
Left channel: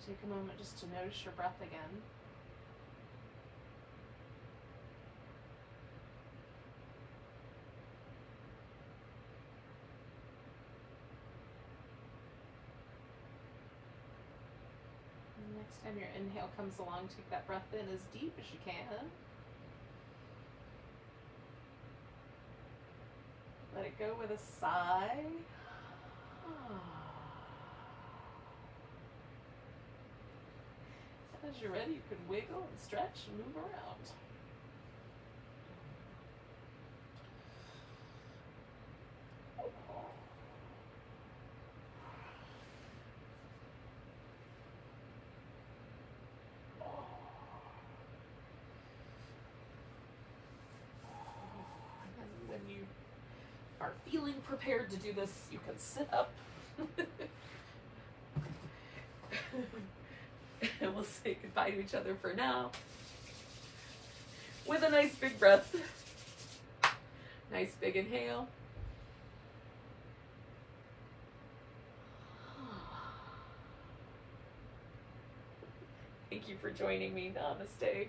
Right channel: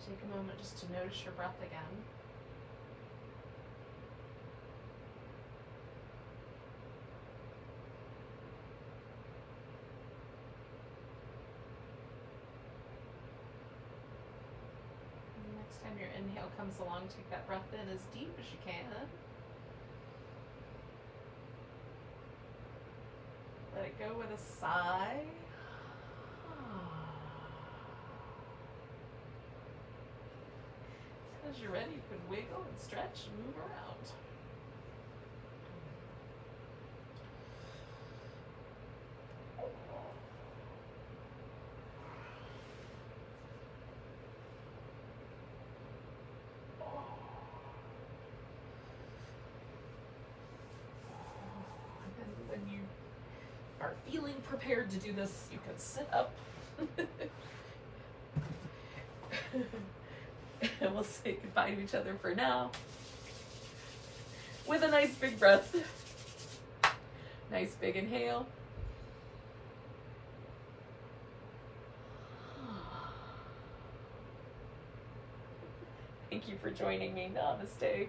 Take a moment just to notice your breath again. And next time your inhale comes along, take that breath in as deep as you can. Let it go with a sigh. As you're ready, you can wiggle and stretch and move around. are feeling prepared to do this, you can sit up. And we'll say goodbye to each other for now with a nice big breath. Nice big inhale. Thank you for joining me. Namaste.